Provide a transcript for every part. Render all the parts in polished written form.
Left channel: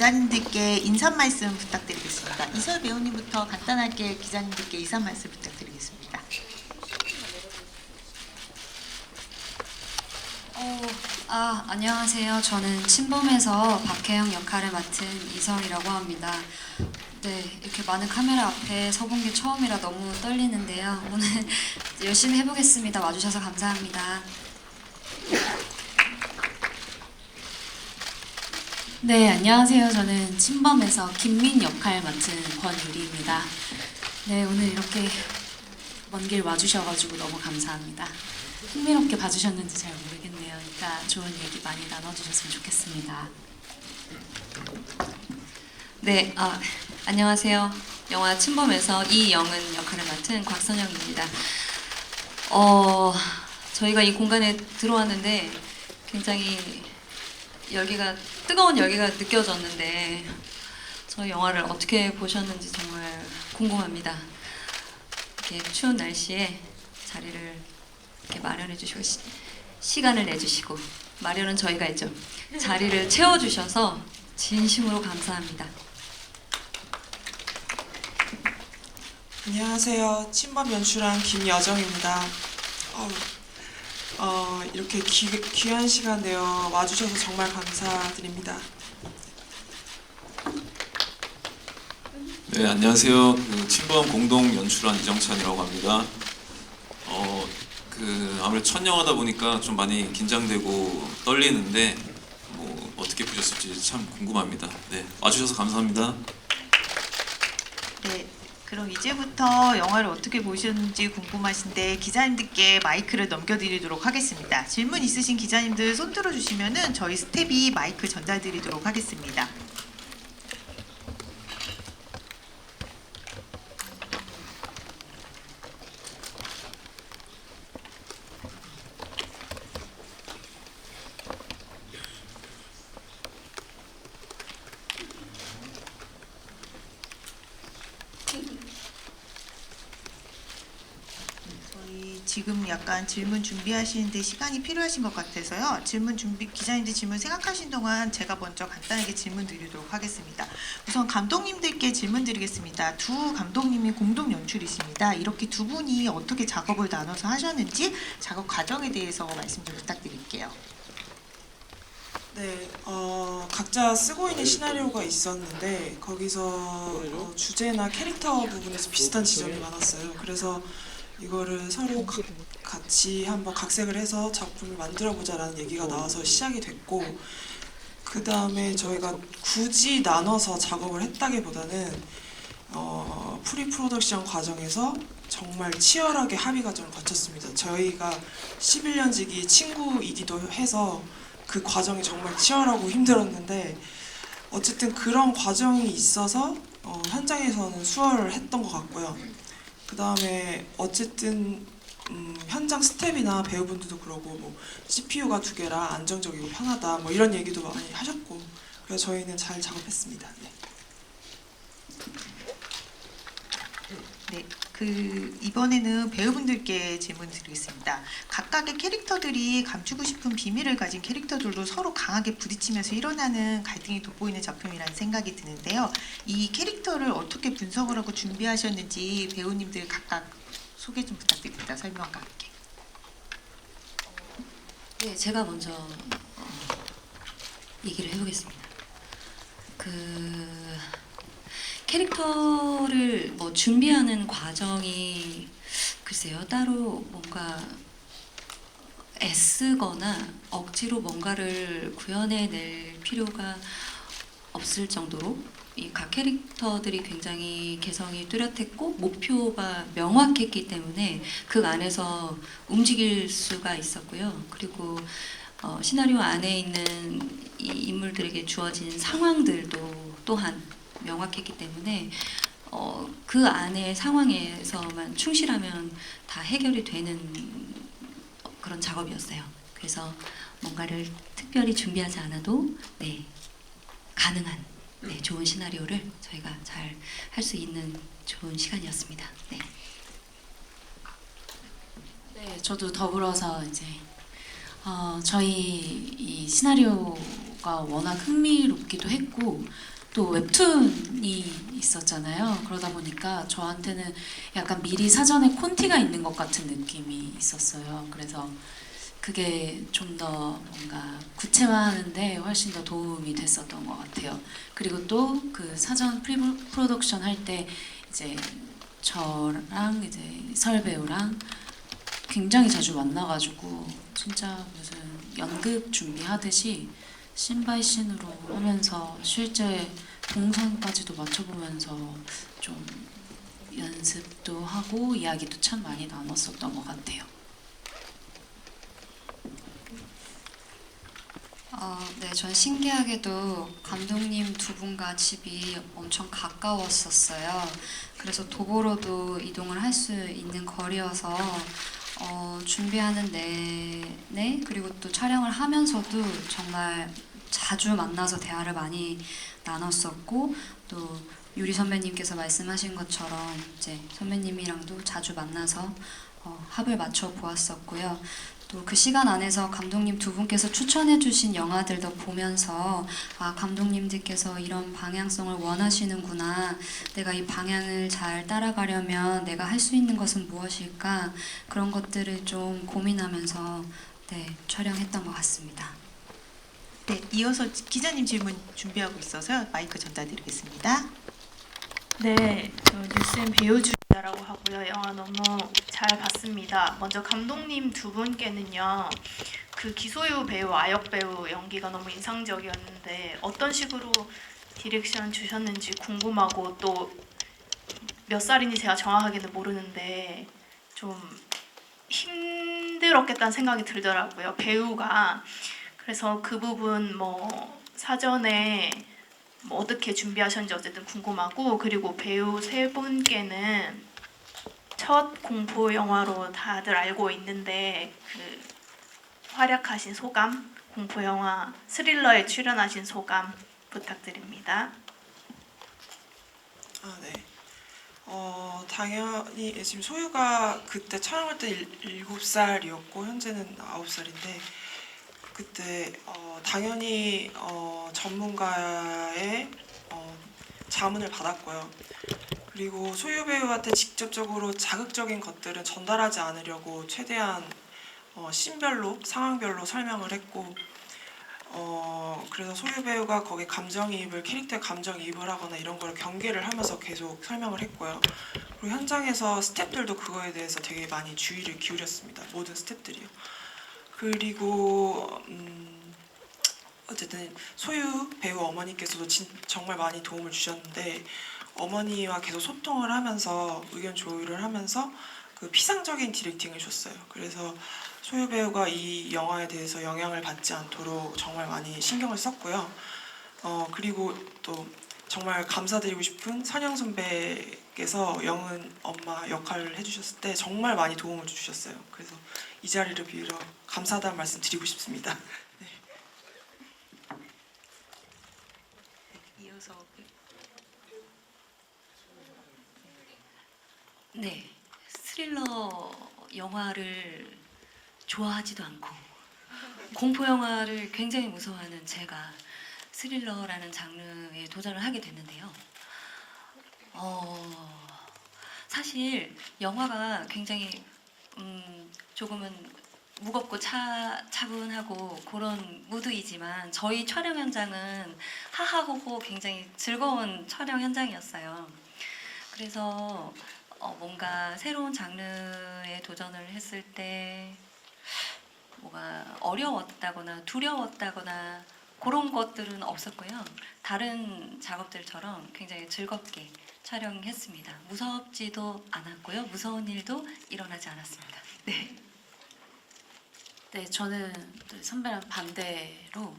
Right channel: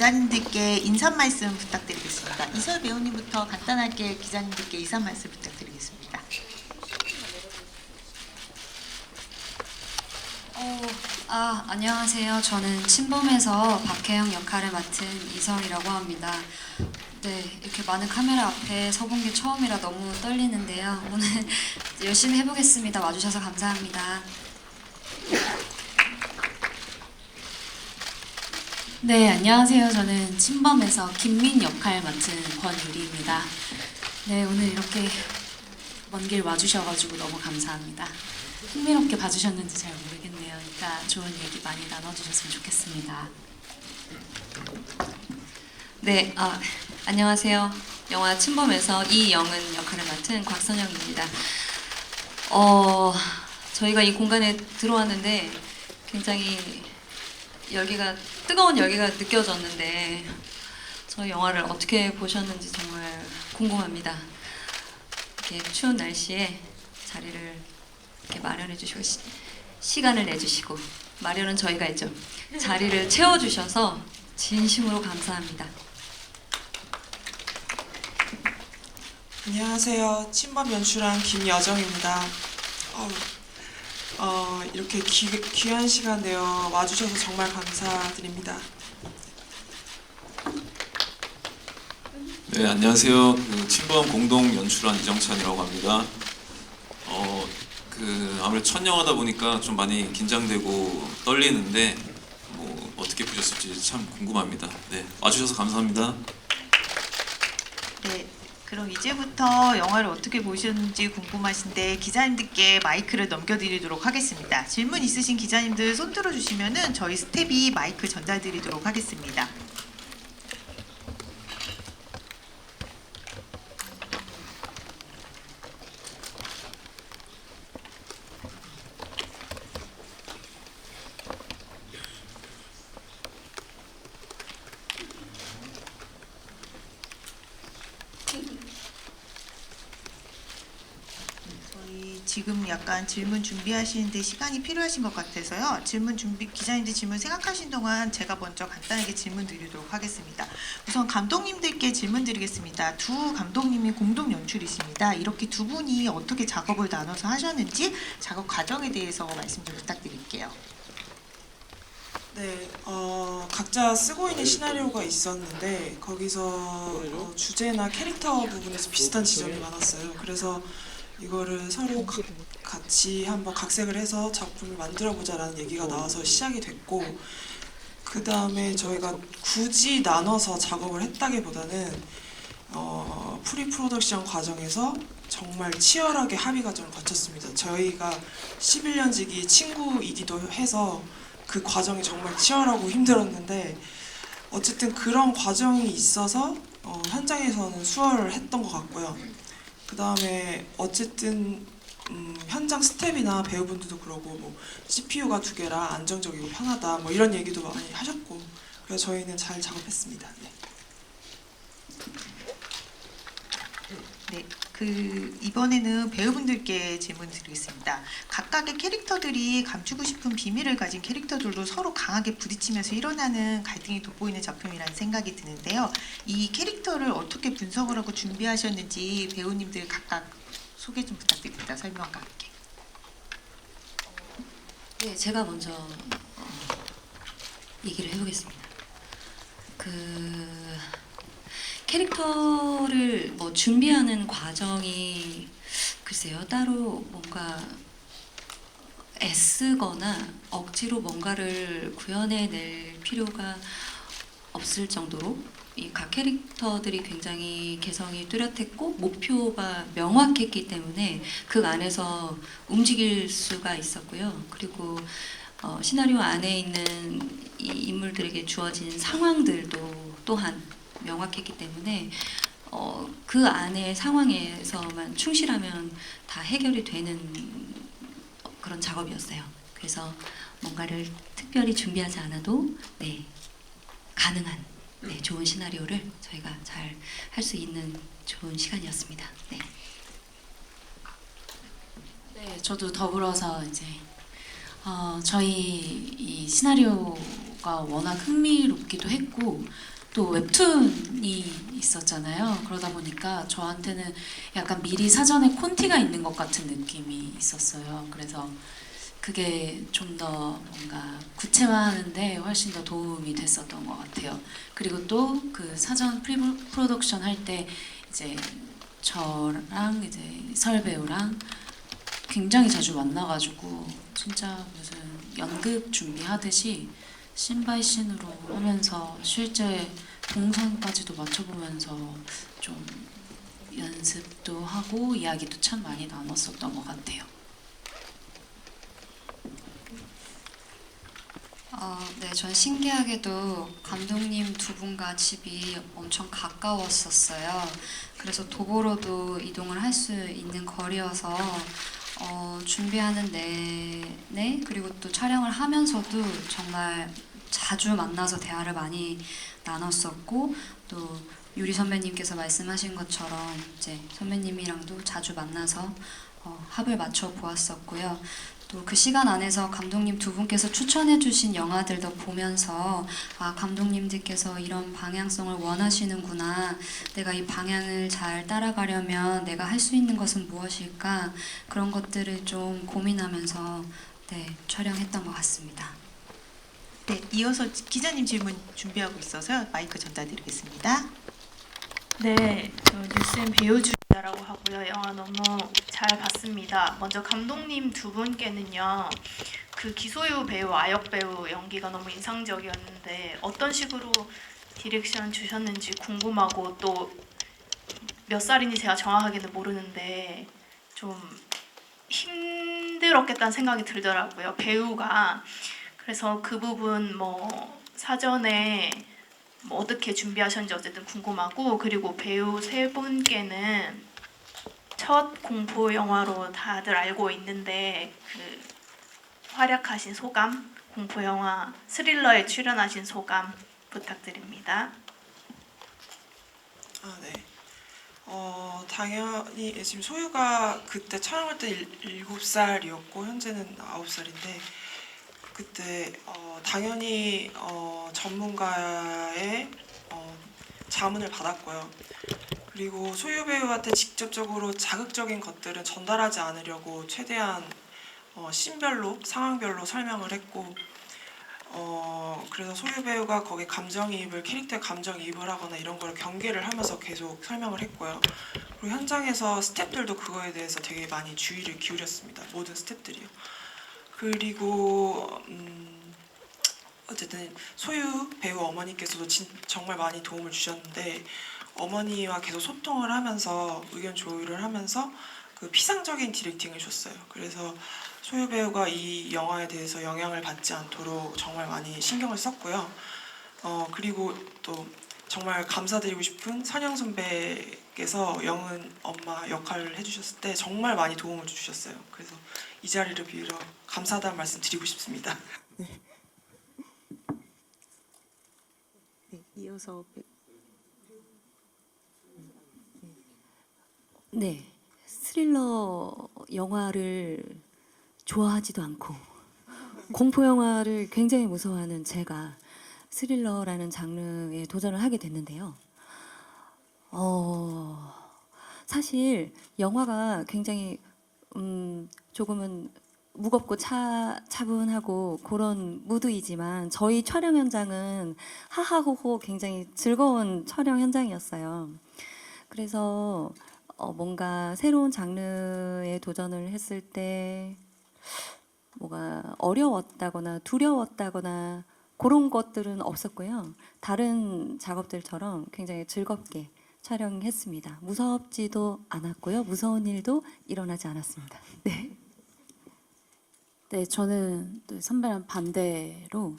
기자님들께 인사 말씀 부탁드리겠습니다. 이설 배우님부터 간단하게 기자님들께 인사 말씀 부탁드리겠습니다. 안녕하세요. 저는 친범에서 박혜영 역할을 맡은 이설이라고 합니다. 네, 이렇게 많은 카메라 앞에 서본 게 처음이라 너무 떨리는데요. 오늘 열심히 해보겠습니다. 와주셔서 감사합니다. 네, 안녕하세요. 저는 친범에서 김민 역할 맡은 권유리입니다. 네, 오늘 이렇게 먼 길 와주셔가지고 너무 감사합니다. 흥미롭게 봐주셨는지 잘 모르겠네요. 이따 좋은 얘기 많이 나눠주셨으면 좋겠습니다. 네, 안녕하세요. 영화 친범에서 이영은 역할을 맡은 곽선영입니다. 저희가 이 공간에 들어왔는데 굉장히 뜨거운 열기가 느껴졌는데 저희 영화를 어떻게 보셨는지 정말 궁금합니다. 이렇게 추운 날씨에 자리를 이렇게 마련해 주시고 시간을 내주시고 마련은 저희가 했죠. 자리를 채워주셔서 진심으로 감사합니다. 안녕하세요. 친범 연출한 김여정입니다. 이렇게 귀한 시간 내어 와주셔서 정말 감사드립니다. 네, 안녕하세요. 친범 공동 연출한 이정찬이라고 합니다. 아무래도 첫 영화다 보니까 좀 많이 긴장되고 떨리는데 어떻게 보셨을지 참 궁금합니다. 네, 와주셔서 감사합니다. 네, 그럼 이제부터 영화를 어떻게 보셨는지 궁금하신데 기자님들께 마이크를 넘겨드리도록 하겠습니다. 질문 있으신 기자님들 손 들어주시면은 저희 스텝이 마이크 전달드리도록 하겠습니다. 지금 약간 질문 준비하시는데 시간이 필요하신 것 같아서요. 기자님들 질문 생각하신 동안 제가 먼저 간단하게 질문 드리도록 하겠습니다. 우선 감독님들께 질문 드리겠습니다. 두 감독님이 공동 연출이십니다. 이렇게 두 분이 어떻게 작업을 나눠서 하셨는지 작업 과정에 대해서 말씀 좀 부탁드릴게요. 네, 각자 쓰고 있는 시나리오가 있었는데 거기서 주제나 캐릭터 부분에서 비슷한 지점이 많았어요. 그래서 이거를 서로 같이 한번 각색을 해서 작품을 만들어보자라는 얘기가 나와서 시작이 됐고, 그 다음에 저희가 굳이 나눠서 작업을 했다기보다는 프리 프로덕션 과정에서 정말 치열하게 합의 과정을 거쳤습니다. 저희가 11년지기 친구이기도 해서 그 과정이 정말 치열하고 힘들었는데 어쨌든 그런 과정이 있어서 현장에서는 수월을 했던 것 같고요. 그 다음에 어쨌든 현장 스텝이나 배우분들도 그러고 CPU가 2개라 안정적이고 편하다 이런 얘기도 많이 하셨고, 그래서 저희는 잘 작업했습니다. 네, 이번에는 배우분들께 질문 드리겠습니다. 각각의 캐릭터들이 감추고 싶은 비밀을 가진 캐릭터들도 서로 강하게 부딪히면서 일어나는 갈등이 돋보이는 작품이라는 생각이 드는데요. 이 캐릭터를 어떻게 분석을 하고 준비하셨는지 배우님들 각각 소개 좀 부탁드립니다. 설명과 함께. 네, 제가 먼저 얘기를 해보겠습니다. 캐릭터를 준비하는 과정이 글쎄요, 따로 뭔가 애쓰거나 억지로 뭔가를 구현해낼 필요가 없을 정도로 이 각 캐릭터들이 굉장히 개성이 뚜렷했고 목표가 명확했기 때문에 그 안에서 움직일 수가 있었고요. 그리고 시나리오 안에 있는 이 인물들에게 주어진 상황들도 또한 명확했기 때문에 그 안의 상황에서만 충실하면 다 해결이 되는 그런 작업이었어요. 그래서 뭔가를 특별히 준비하지 않아도 가능한 좋은 시나리오를 저희가 잘 할 수 있는 좋은 시간이었습니다. 네. 네, 저도 더불어서 이제 저희 이 시나리오 것과 워낙 흥미롭기도 했고 또 웹툰이 있었잖아요. 그러다 보니까 저한테는 약간 미리 사전에 콘티가 있는 것 같은 느낌이 있었어요. 그래서 그게 좀 더 뭔가 구체화하는데 훨씬 더 도움이 됐었던 것 같아요. 그리고 또 그 사전 프로덕션 할 때 이제 저랑 이제 설 배우랑 굉장히 자주 만나가지고 진짜 무슨 연극 준비하듯이 씬바이씬으로 하면서 실제 동선까지도 맞춰보면서 좀 연습도 하고 이야기도 참 많이 나눴었던 것 같아요. 네, 전 신기하게도 감독님 두 분과 집이 엄청 가까웠었어요. 그래서 도보로도 이동을 할 수 있는 거리여서 준비하는 내내 그리고 또 촬영을 하면서도 정말 자주 만나서 대화를 많이 나눴었고 또 유리 선배님께서 말씀하신 것처럼 이제 선배님이랑도 자주 만나서 합을 맞춰 보았었고요. 또 그 시간 안에서 감독님 두 분께서 추천해주신 영화들도 보면서 아 감독님들께서 이런 방향성을 원하시는구나. 내가 이 방향을 잘 따라가려면 내가 할 수 있는 것은 무엇일까? 그런 것들을 좀 고민하면서 네 촬영했던 것 같습니다. 네, 이어서 기자님 질문 준비하고 있어서요. 마이크 전달드리겠습니다. 네, 저 뉴스엔 배우 주자라고 하고요. 영화 너무 잘 봤습니다. 먼저 감독님 두 분께는요, 그 기소유 배우, 아역 배우 연기가 너무 인상적이었는데 어떤 식으로 디렉션 주셨는지 궁금하고 또 몇 살인지 제가 정확하게는 모르는데 좀 힘들었겠다는 생각이 들더라고요. 배우가. 그래서 그 부분 뭐 사전에 뭐 어떻게 준비하셨는지 어쨌든 궁금하고 그리고 배우 세 분께는 첫 공포 영화로 다들 알고 있는데 그 활약하신 소감, 공포 영화 스릴러에 출연하신 소감 부탁드립니다. 네. 당연히 지금 소유가 그때 촬영할 때 7살이었고 현재는 9살인데 그때 당연히 전문가의 자문을 받았고요. 그리고 소유 배우한테 직접적으로 자극적인 것들은 전달하지 않으려고 최대한 씬별로 상황별로 설명을 했고 그래서 소유 배우가 거기에 감정이입을 캐릭터에 감정이입을 하거나 이런 걸 경계를 하면서 계속 설명을 했고요. 그리고 현장에서 스태프들도 그거에 대해서 되게 많이 주의를 기울였습니다. 모든 스태프들이요. 그리고 어쨌든 소유 배우 어머니께서도 정말 많이 도움을 주셨는데 어머니와 계속 소통을 하면서 의견 조율을 하면서 그 피상적인 디렉팅을 줬어요. 그래서 소유 배우가 이 영화에 대해서 영향을 받지 않도록 정말 많이 신경을 썼고요. 그리고 또 정말 감사드리고 싶은 선영 선배께서 영은 엄마 역할을 해주셨을 때 정말 많이 도움을 주셨어요. 그래서 이 자리를 빌어 감사하다는 말씀 드리고 싶습니다. 네. 이어서 네, 스릴러 영화를 좋아하지도 않고 공포 영화를 굉장히 무서워하는 제가 스릴러라는 장르에 도전을 하게 됐는데요. 사실 영화가 굉장히 조금은 무겁고 차분하고 그런 무드이지만 저희 촬영 현장은 하하호호 굉장히 즐거운 촬영 현장이었어요. 그래서 뭔가 새로운 장르에 도전을 했을 때 뭐가 어려웠다거나 두려웠다거나 그런 것들은 없었고요. 다른 작업들처럼 굉장히 즐겁게 촬영했습니다. 무섭지도 않았고요. 무서운 일도 일어나지 않았습니다. 네. 네, 저는 선배랑 반대로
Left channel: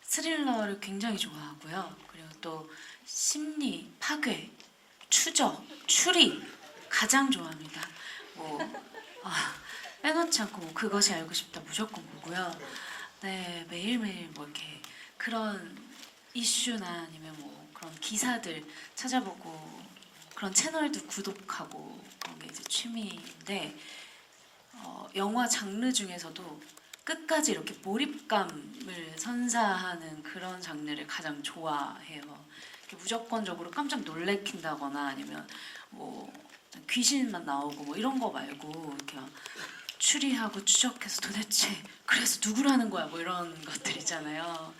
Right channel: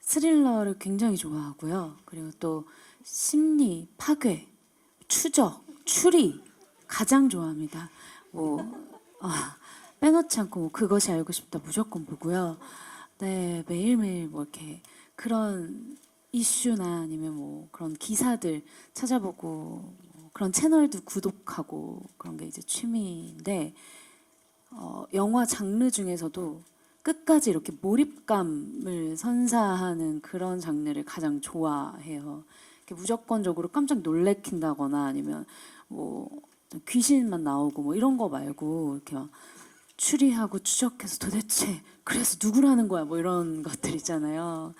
스릴러를 굉장히 좋아하고요. 그리고 또 심리, 파괴, 추적, 추리 가장 좋아합니다. 빼놓지 않고 뭐 그것이 알고 싶다 무조건 보고요. 네, 매일매일 뭐 이렇게 그런 이슈나 아니면 뭐 그런 기사들 찾아보고 그런 채널도 구독하고 그런 게 이제 취미인데 영화 장르 중에서도 끝까지 이렇게 몰입감을 선사하는 그런 장르를 가장 좋아해요. 이렇게 무조건적으로 깜짝 놀래킨다거나 아니면 뭐 귀신만 나오고 뭐 이런 거 말고 이렇게 막 추리하고 추적해서 도대체 그래서 누구라는 거야 뭐 이런 것들 있잖아요.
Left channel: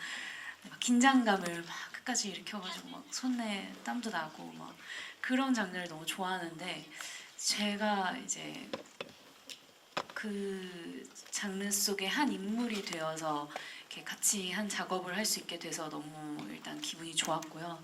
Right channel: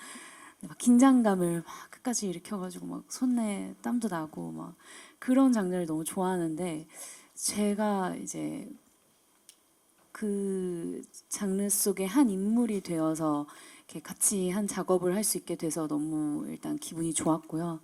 막 긴장감을 막 끝까지 일으켜가지고 막 손에 땀도 나고 막 그런 장르를 너무 좋아하는데 제가 이제 그 장르 속의 한 인물이 되어서 이렇게 같이 한 작업을 할 수 있게 돼서 너무 일단 기분이 좋았고요.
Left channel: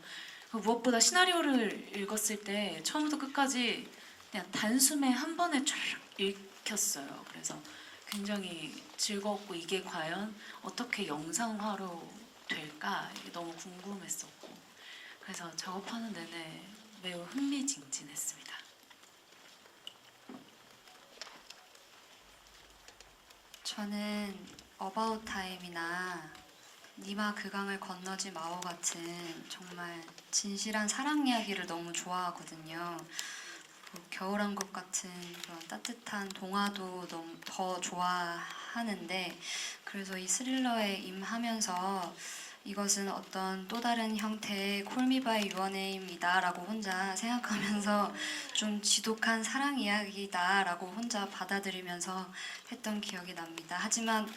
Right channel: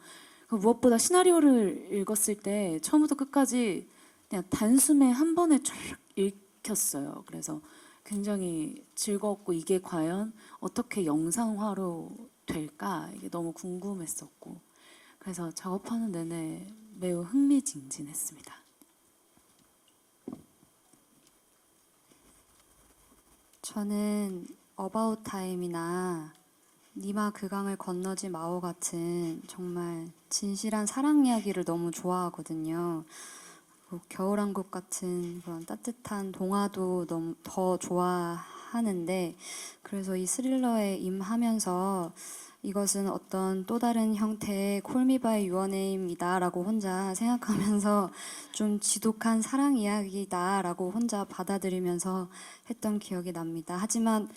무엇보다 시나리오를 읽었을 때 처음부터 끝까지 그냥 단숨에 한 번에 쫙 읽혔어요. 그래서 굉장히 즐거웠고 이게 과연 어떻게 영상화로 될까 이게 너무 궁금했었고 그래서 작업하는 내내 매우 흥미진진했습니다. 저는 어바웃 타임이나 니마 그 강을 건너지 마오 같은 정말 진실한 사랑 이야기를 너무 좋아하거든요. 뭐 겨울왕국 같은 그런 따뜻한 동화도 너무 더 좋아하는데 그래서 이 스릴러에 임하면서 이것은 어떤 또 다른 형태의 콜미바이 유어네임이다라고 혼자 생각하면서 좀 지독한 사랑 이야기다라고 혼자 받아들이면서 했던 기억이 납니다. 하지만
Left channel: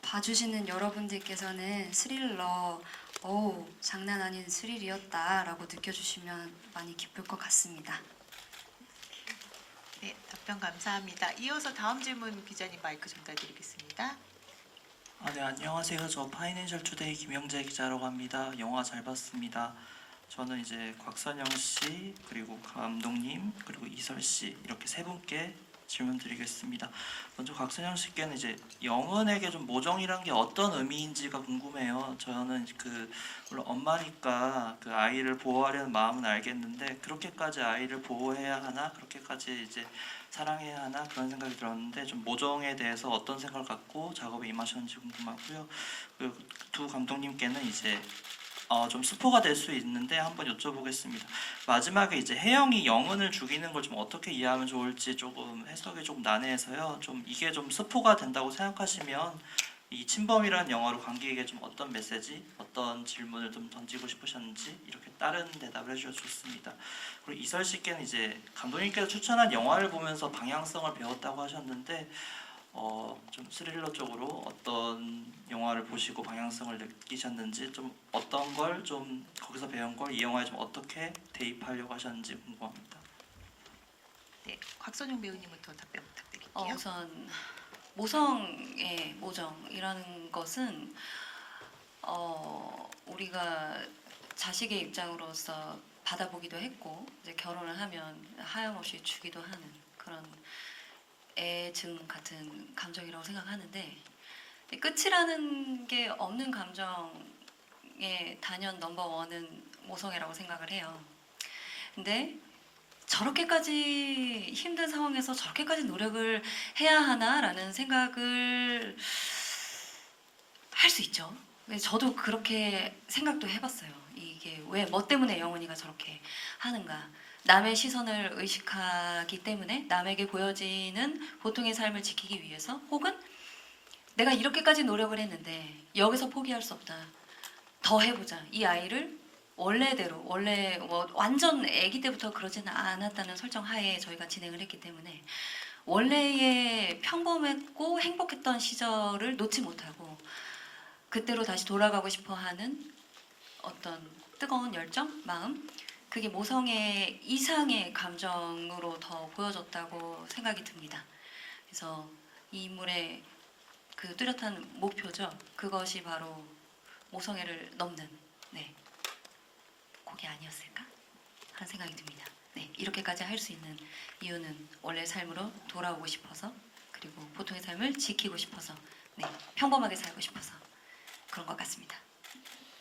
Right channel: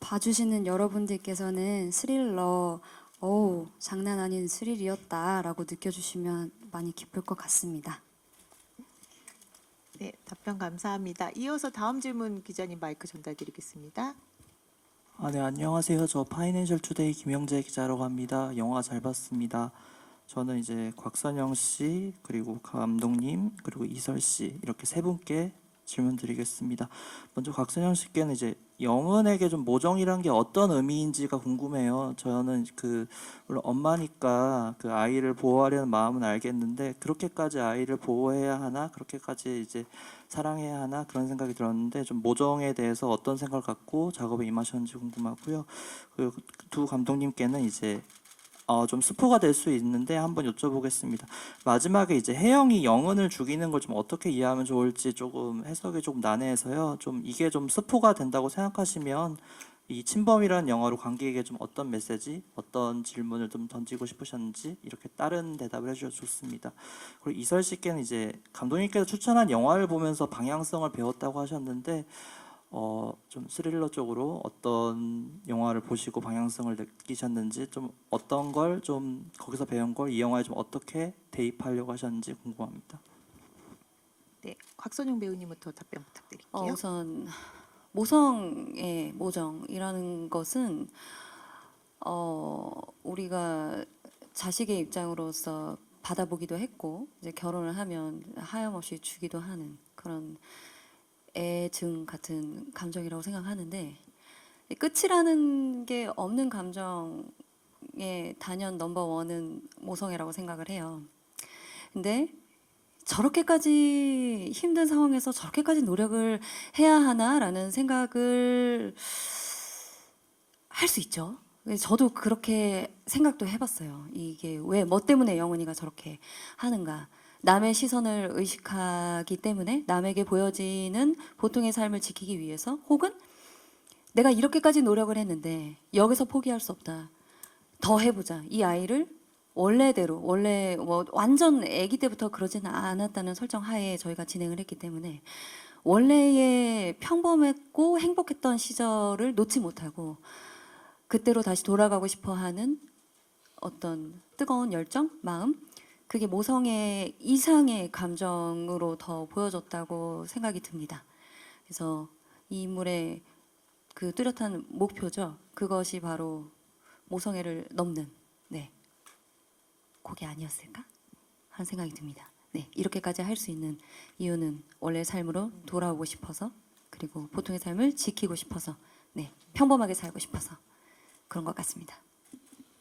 봐주시는 여러분들께서는 스릴러 어우 장난 아닌 스릴이었다라고 느껴주시면 많이 기쁠 것 같습니다. 네, 답변 감사합니다. 이어서 다음 질문 기자님 마이크 전달드리겠습니다. 네, 안녕하세요. 저 파이낸셜 투데이 김영재 기자라고 합니다. 영화 잘 봤습니다. 저는 이제 곽선영 씨, 그리고 감독님, 그리고 이설 씨 이렇게 세 분께 질문 드리겠습니다. 먼저 곽선영 씨께는 이제 영은에게 좀 모정이란 게 어떤 의미인지가 궁금해요. 저는 물론 엄마니까 그 아이를 보호하려는 마음은 알겠는데 그렇게까지 아이를 보호해야 하나? 그렇게까지 이제 사랑해야 하나? 그런 생각이 들었는데 좀 모정에 대해서 어떤 생각을 갖고 작업에 임하셨는지 궁금하고요. 그리고 두 감독님께는 이제 좀 스포가 될 수 있는데 한번 여쭤보겠습니다. 마지막에 이제 혜영이 영은을 죽이는 걸 좀 어떻게 이해하면 좋을지 조금 해석이 좀 난해해서요. 좀 이게 좀 스포가 된다고 생각하시면 이 침범이라는 영화로 관객에게 좀 어떤 메시지, 어떤 질문을 좀 던지고 싶으셨는지 이렇게 다른 대답을 해주셔도 좋습니다. 그리고 이설 씨께는 이제 감독님께서 추천한 영화를 보면서 방향성을 배웠다고 하셨는데 좀 스릴러 쪽으로 어떤 영화를 보시고 방향성을 느끼셨는지 좀 어떤 걸 좀 거기서 배운 걸 이 영화에 좀 어떻게 대입하려고 하셨는지 궁금합니다. 네, 곽선영 배우님부터 답변 부탁드릴게요. 우선 모성의 모정이라는 것은 우리가 자식의 입장으로서 받아보기도 했고 이제 결혼을 하면 하염없이 주기도 하는 그런 애증 같은 감정이라고 생각하는데 이 끝이라는 게 없는 감정의 단연 넘버원은 모성애라고 생각을 해요. 근데 저렇게까지 힘든 상황에서 저렇게까지 노력을 해야 하나라는 생각을 할 수 있죠. 저도 그렇게 생각도 해봤어요. 이게 왜, 뭐 때문에 영훈이가 저렇게 하는가. 남의 시선을 의식하기 때문에 남에게 보여지는 보통의 삶을 지키기 위해서 혹은 내가 이렇게까지 노력을 했는데 여기서 포기할 수 없다. 더 해보자. 이 아이를 원래대로 원래 뭐 완전 아기 때부터 그러지는 않았다는 설정 하에 저희가 진행을 했기 때문에 원래의 평범했고 행복했던 시절을 놓지 못하고 그때로 다시 돌아가고 싶어하는 어떤 뜨거운 열정, 마음 그게 모성애 이상의 감정으로 더 보여졌다고 생각이 듭니다. 그래서 이 인물의 그 뚜렷한 목표죠. 그것이 바로 모성애를 넘는 그게 아니었을까 하는 생각이 듭니다. 네, 이렇게까지 할 수 있는 이유는 원래 삶으로 돌아오고 싶어서 그리고 보통의 삶을 지키고 싶어서 평범하게 살고 싶어서 그런 것 같습니다.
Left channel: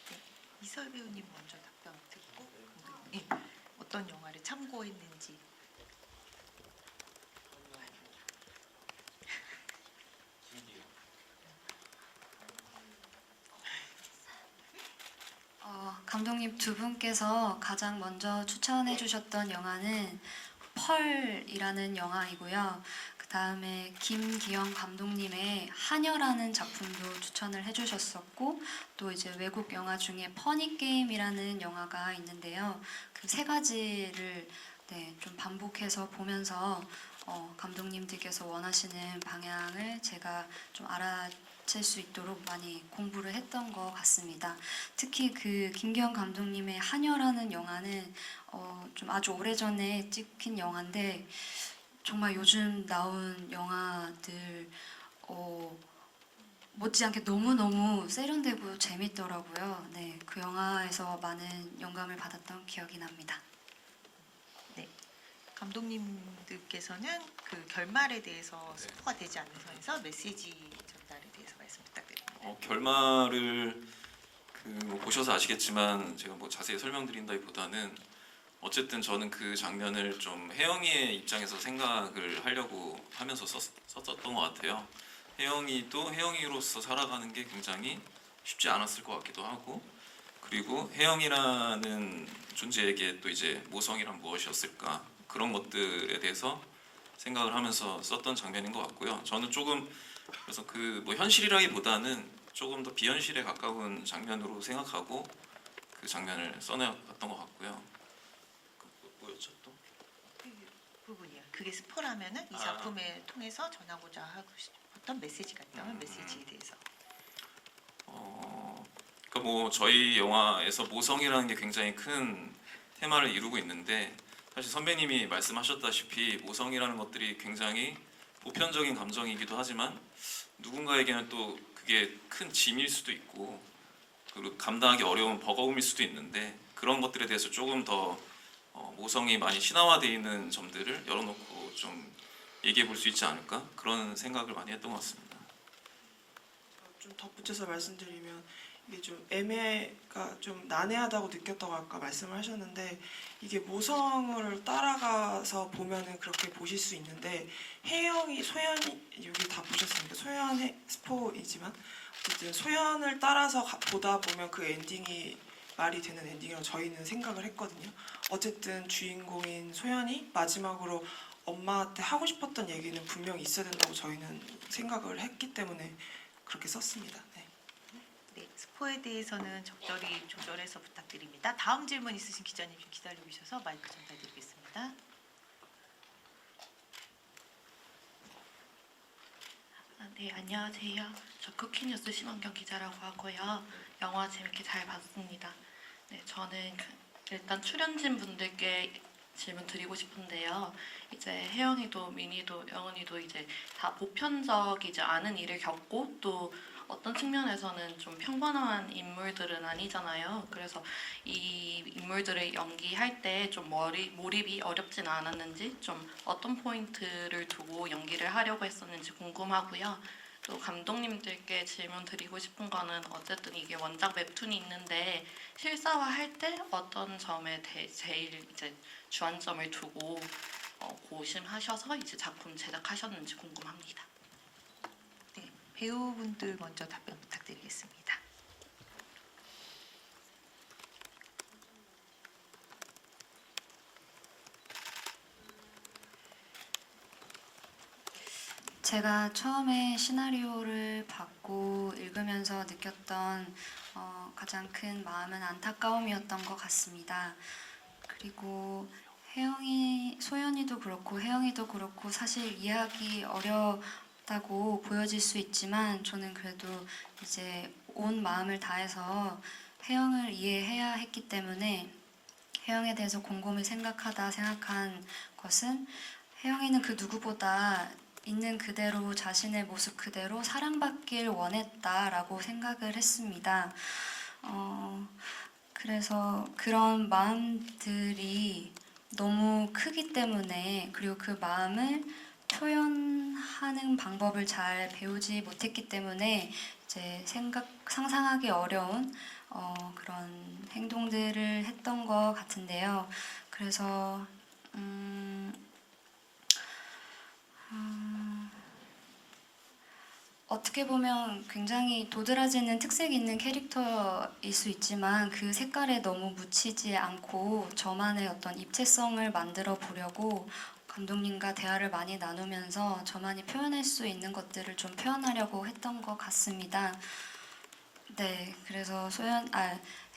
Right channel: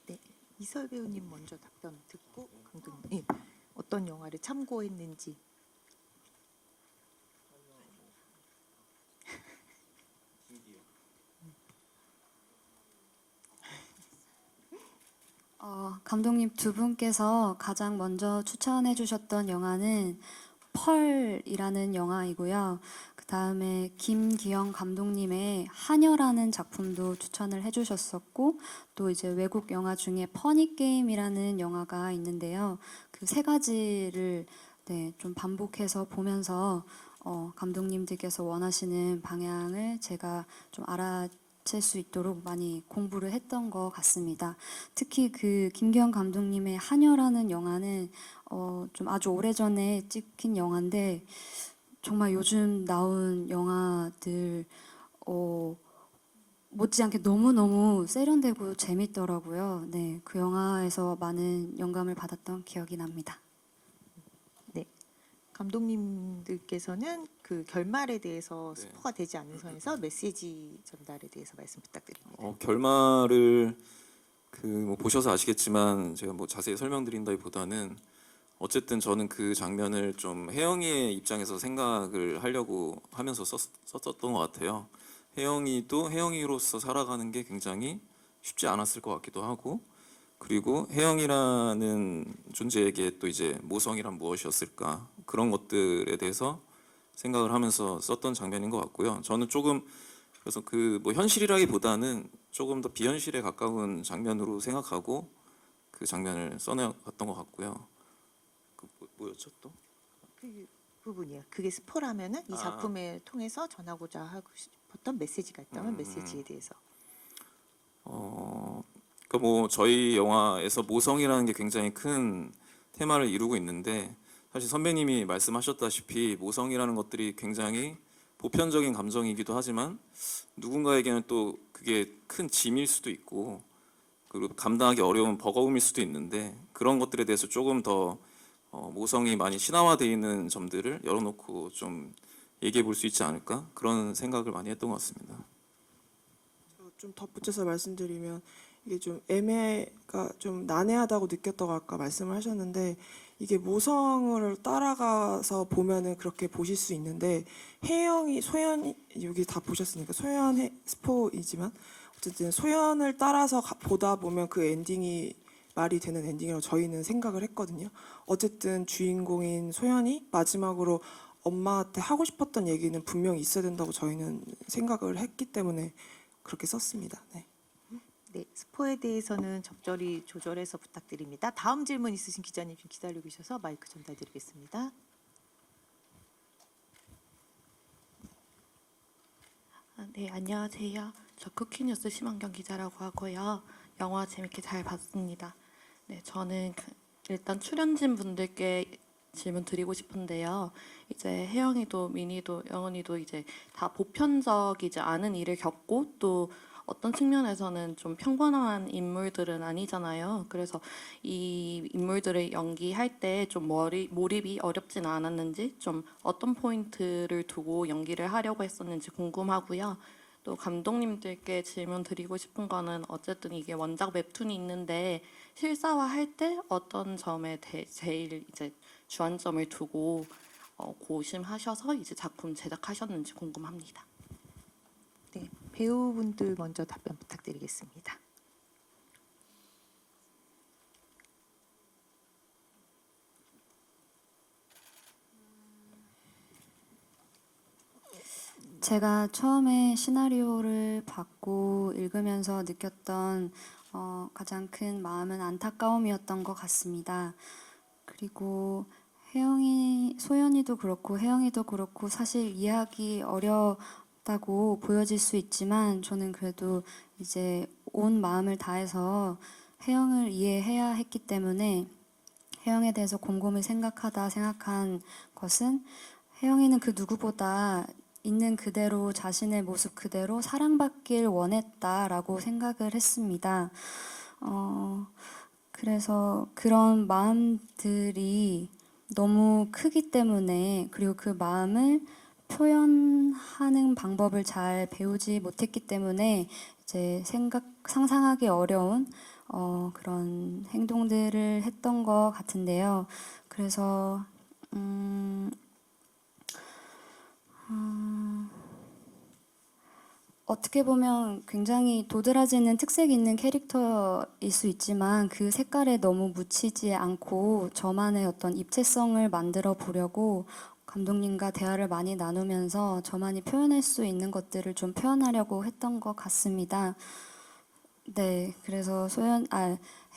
네, 이설 배우님 먼저 답변 듣고 감독님 어떤 영화를 참고했는지. 감독님 두 분께서 가장 먼저 추천해 주셨던 영화는 펄이라는 영화이고요. 그 다음에 김기영 감독님의 하녀라는 작품도 추천을 해주셨었고, 또 이제 외국 영화 중에 퍼니 게임이라는 영화가 있는데요. 그 세 가지를 네, 좀 반복해서 보면서 감독님들께서 원하시는 방향을 제가 좀 알아챌 수 있도록 많이 공부를 했던 것 같습니다. 특히 그 김기영 감독님의 하녀라는 영화는 좀 아주 오래전에 찍힌 영화인데 정말 요즘 나온 영화들 못지않게 너무너무 세련되고 재밌더라고요. 네, 그 영화에서 많은 영감을 받았던 기억이 납니다. 감독님들께서는 그 결말에 대해서 네. 스포가 되지 않는 선에서 메시지 전달에 대해서 말씀 부탁드립니다. 결말을 뭐 보셔서 아시겠지만 제가 뭐 자세히 설명드린다기보다는 어쨌든 저는 그 장면을 좀 혜영이의 입장에서 생각을 하려고 하면서 썼었던 것 같아요. 혜영이도 혜영이로서 살아가는 게 굉장히 쉽지 않았을 것 같기도 하고, 그리고 혜영이라는 존재에게 또 이제 모성이란 무엇이었을까, 그런 것들에 대해서 생각을 하면서 썼던 장면인 것 같고요. 저는 조금 그래서 그 뭐 현실이라기보다는 조금 더 비현실에 가까운 장면으로 생각하고 그 장면을 써내봤던 것 같고요. 뭐였죠 또? 그 부분이야. 그게 스포라면은 이 아. 작품을 통해서 전하고자 하고 싶었던 메시지가 있다면 음. 메시지에 대해서. 그 뭐 저희 영화에서 모성이라는 게 굉장히 큰 테마를 이루고 있는데, 사실 선배님이 말씀하셨다시피 모성이라는 것들이 굉장히 보편적인 감정이기도 하지만 누군가에게는 또 그게 큰 짐일 수도 있고, 그리고 감당하기 어려운 버거움일 수도 있는데, 그런 것들에 대해서 조금 더 모성이 많이 신화화되어 있는 점들을 열어놓고 좀 얘기해 볼 수 있지 않을까, 그런 생각을 많이 했던 것 같습니다. 좀 덧붙여서 말씀드리면 이게 좀 애매가 좀 난해하다고 느꼈다고 아까 말씀을 하셨는데, 이게 모성을 따라가서 보면은 그렇게 보실 수 있는데, 혜영이 소연이 여기 다 보셨으니까 소연의 스포이지만 어쨌든 소연을 따라서 보다 보면 그 엔딩이 말이 되는 엔딩이라고 저희는 생각을 했거든요. 어쨌든 주인공인 소연이 마지막으로 엄마한테 하고 싶었던 얘기는 분명히 있어야 된다고 저희는 생각을 했기 때문에 그렇게 썼습니다. 네. 네, 스포에 대해서는 적절히 조절해서 부탁드립니다. 다음 질문 있으신 기자님 좀 기다리고 계셔서 마이크 전달드리겠습니다. 네, 안녕하세요. 저 쿠키뉴스 심원경 기자라고 하고요. 영화 재밌게 잘 봤습니다. 네, 저는 일단 출연진 분들께 질문 드리고 싶은데요. 이제 혜영이도 민희도 영은이도 이제 다 보편적이지 않은 일을 겪고 또 어떤 측면에서는 좀 평범한 인물들은 아니잖아요. 그래서 이 인물들을 연기할 때 좀 몰입이 어렵진 않았는지, 좀 어떤 포인트를 두고 연기를 하려고 했었는지 궁금하고요. 또 감독님들께 질문 드리고 싶은 거는 어쨌든 이게 원작 웹툰이 있는데 실사화할 때 어떤 점에 제일 이제 주안점을 두고 고심하셔서 이제 작품 제작하셨는지 궁금합니다. 네, 배우분들 먼저 답변 부탁드리겠습니다. 제가 처음에 시나리오를 받고 읽으면서 느꼈던 가장 큰 마음은 안타까움이었던 것 같습니다. 그리고 소연이도 그렇고 혜영이도 그렇고 사실 이해하기 어렵다고 보여질 수 있지만 저는 그래도 이제 온 마음을 다해서 혜영을 이해해야 했기 때문에 혜영에 대해서 곰곰이 생각한 것은 혜영이는 그 누구보다 있는 그대로 자신의 모습 그대로 사랑받길 원했다라고 생각을 했습니다. 그래서 그런 마음들이 너무 크기 때문에, 그리고 그 마음을 표현하는 방법을 잘 배우지 못했기 때문에 이제 상상하기 어려운 그런 행동들을 했던 것 같은데요. 그래서 어떻게 보면 굉장히 도드라지는 특색이 있는 캐릭터일 수 있지만 그 색깔에 너무 묻히지 않고 저만의 어떤 입체성을 만들어 보려고 감독님과 대화를 많이 나누면서 저만이 표현할 수 있는 것들을 좀 표현하려고 했던 것 같습니다. 네, 그래서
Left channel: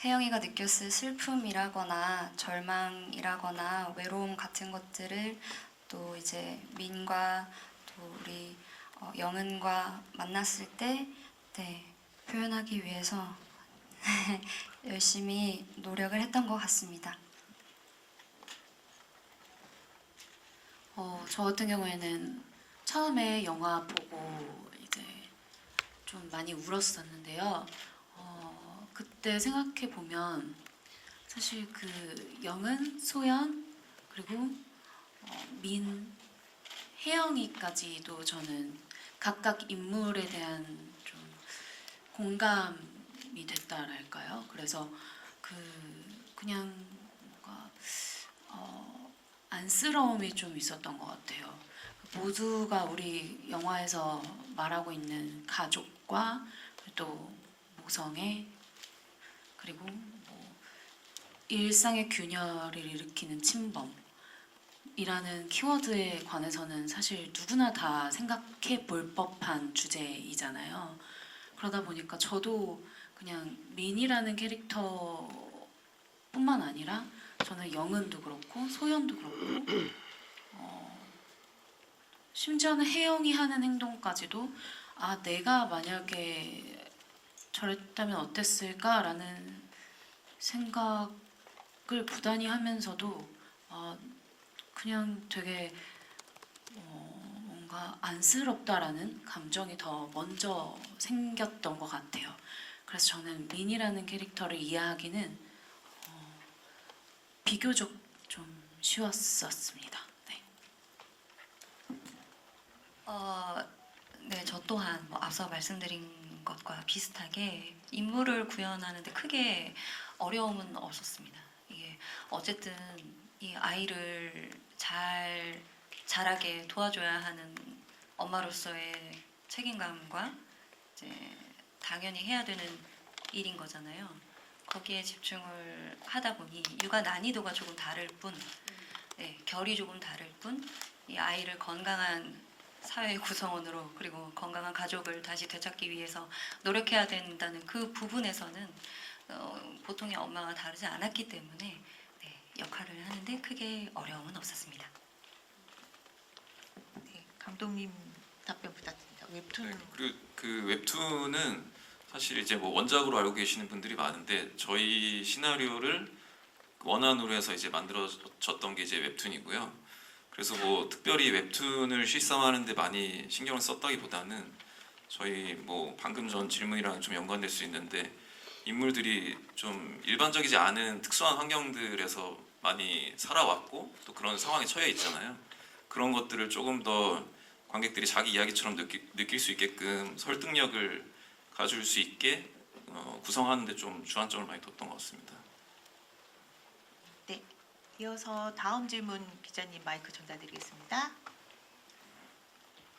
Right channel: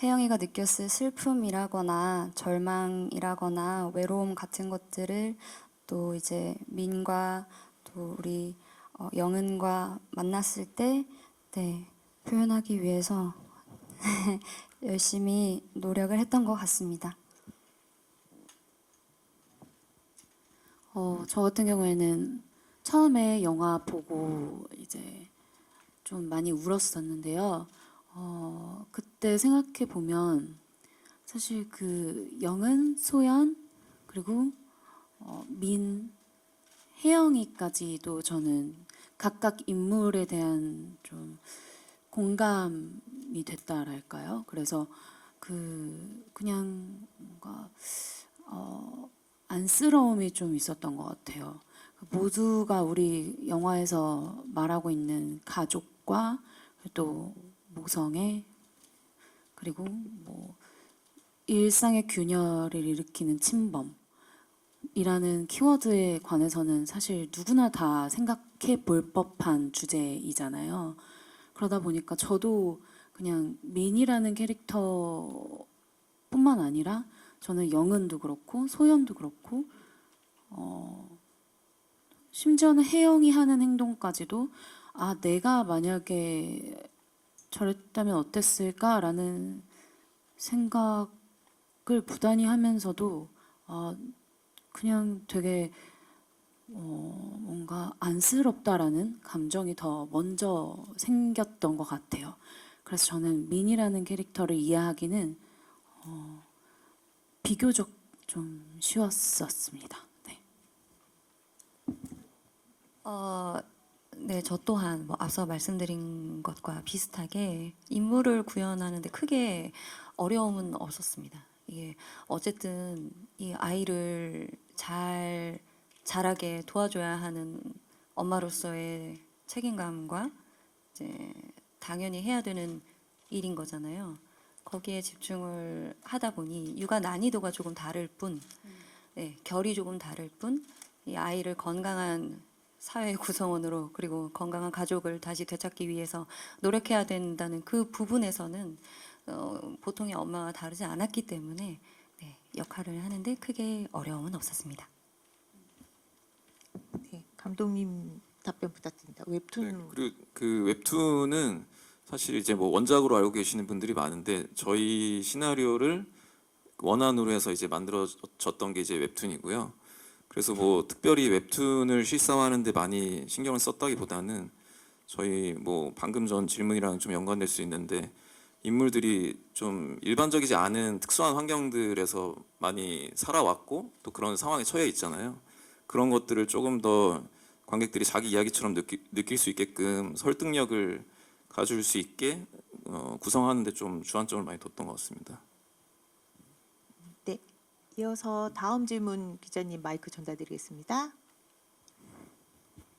혜영이가 느꼈을 슬픔이라거나 절망이라거나 외로움 같은 것들을 또 이제 민과 또 우리 영은과 만났을 때 네, 표현하기 위해서 열심히 노력을 했던 것 같습니다. 저 같은 경우에는 처음에 영화 보고 이제 좀 많이 울었었는데요. 그때 생각해 보면 사실 그 영은, 소연, 그리고 민, 혜영이까지도 저는 각각 인물에 대한 좀 공감이 됐다랄까요? 그래서 그냥 뭔가 안쓰러움이 좀 있었던 것 같아요. 모두가 우리 영화에서 말하고 있는 가족과 또 모성애 그리고 뭐 일상의 균열을 일으키는 침범이라는 키워드에 관해서는 사실 누구나 다 생각해 볼 법한 주제이잖아요. 그러다 보니까 저도 그냥 민이라는 캐릭터뿐만 아니라 저는 영은도 그렇고 소연도 그렇고 심지어는 혜영이 하는 행동까지도 내가 만약에 저랬다면 어땠을까라는 생각을 부단히 하면서도 그냥 되게 뭔가 안쓰럽다라는 감정이 더 먼저 생겼던 것 같아요. 그래서 저는 민이라는 캐릭터를 이해하기는 비교적 좀 쉬웠었습니다. 네. 네, 저 또한 뭐 앞서 말씀드린 것과 비슷하게 인물을 구현하는데 크게 어려움은 없었습니다. 이게 어쨌든 이 아이를 잘 자라게 도와줘야 하는 엄마로서의 책임감과 이제 당연히 해야 되는 일인 거잖아요. 거기에 집중을 하다 보니 육아 난이도가 조금 다를 뿐, 네, 결이 조금 다를 뿐, 이 아이를 건강한 사회 구성원으로 그리고 건강한 가족을 다시 되찾기 위해서 노력해야 된다는 그 부분에서는 보통의 엄마와 다르지 않았기 때문에 네, 역할을 하는데 크게 어려움은 없었습니다. 네, 감독님 답변 부탁드립니다. 웹툰 네, 그리고 그 웹툰은 사실 이제 뭐 원작으로 알고 계시는 분들이 많은데 저희 시나리오를 원안으로 해서 이제 만들어졌던 게 이제 웹툰이고요. 그래서 뭐 특별히 웹툰을 실사하는데 많이 신경을 썼다기보다는 저희 뭐 방금 전 질문이랑 좀 연관될 수 있는데 인물들이 좀 일반적이지 않은 특수한 환경들에서 많이 살아왔고 또 그런 상황에 처해 있잖아요. 그런 것들을 조금 더 관객들이 자기 이야기처럼 느낄 수 있게끔 설득력을 가질 수 있게 구성하는데 좀 주안점을 많이 뒀던 것 같습니다. 네, 이어서 다음 질문 기자님 마이크 전달드리겠습니다.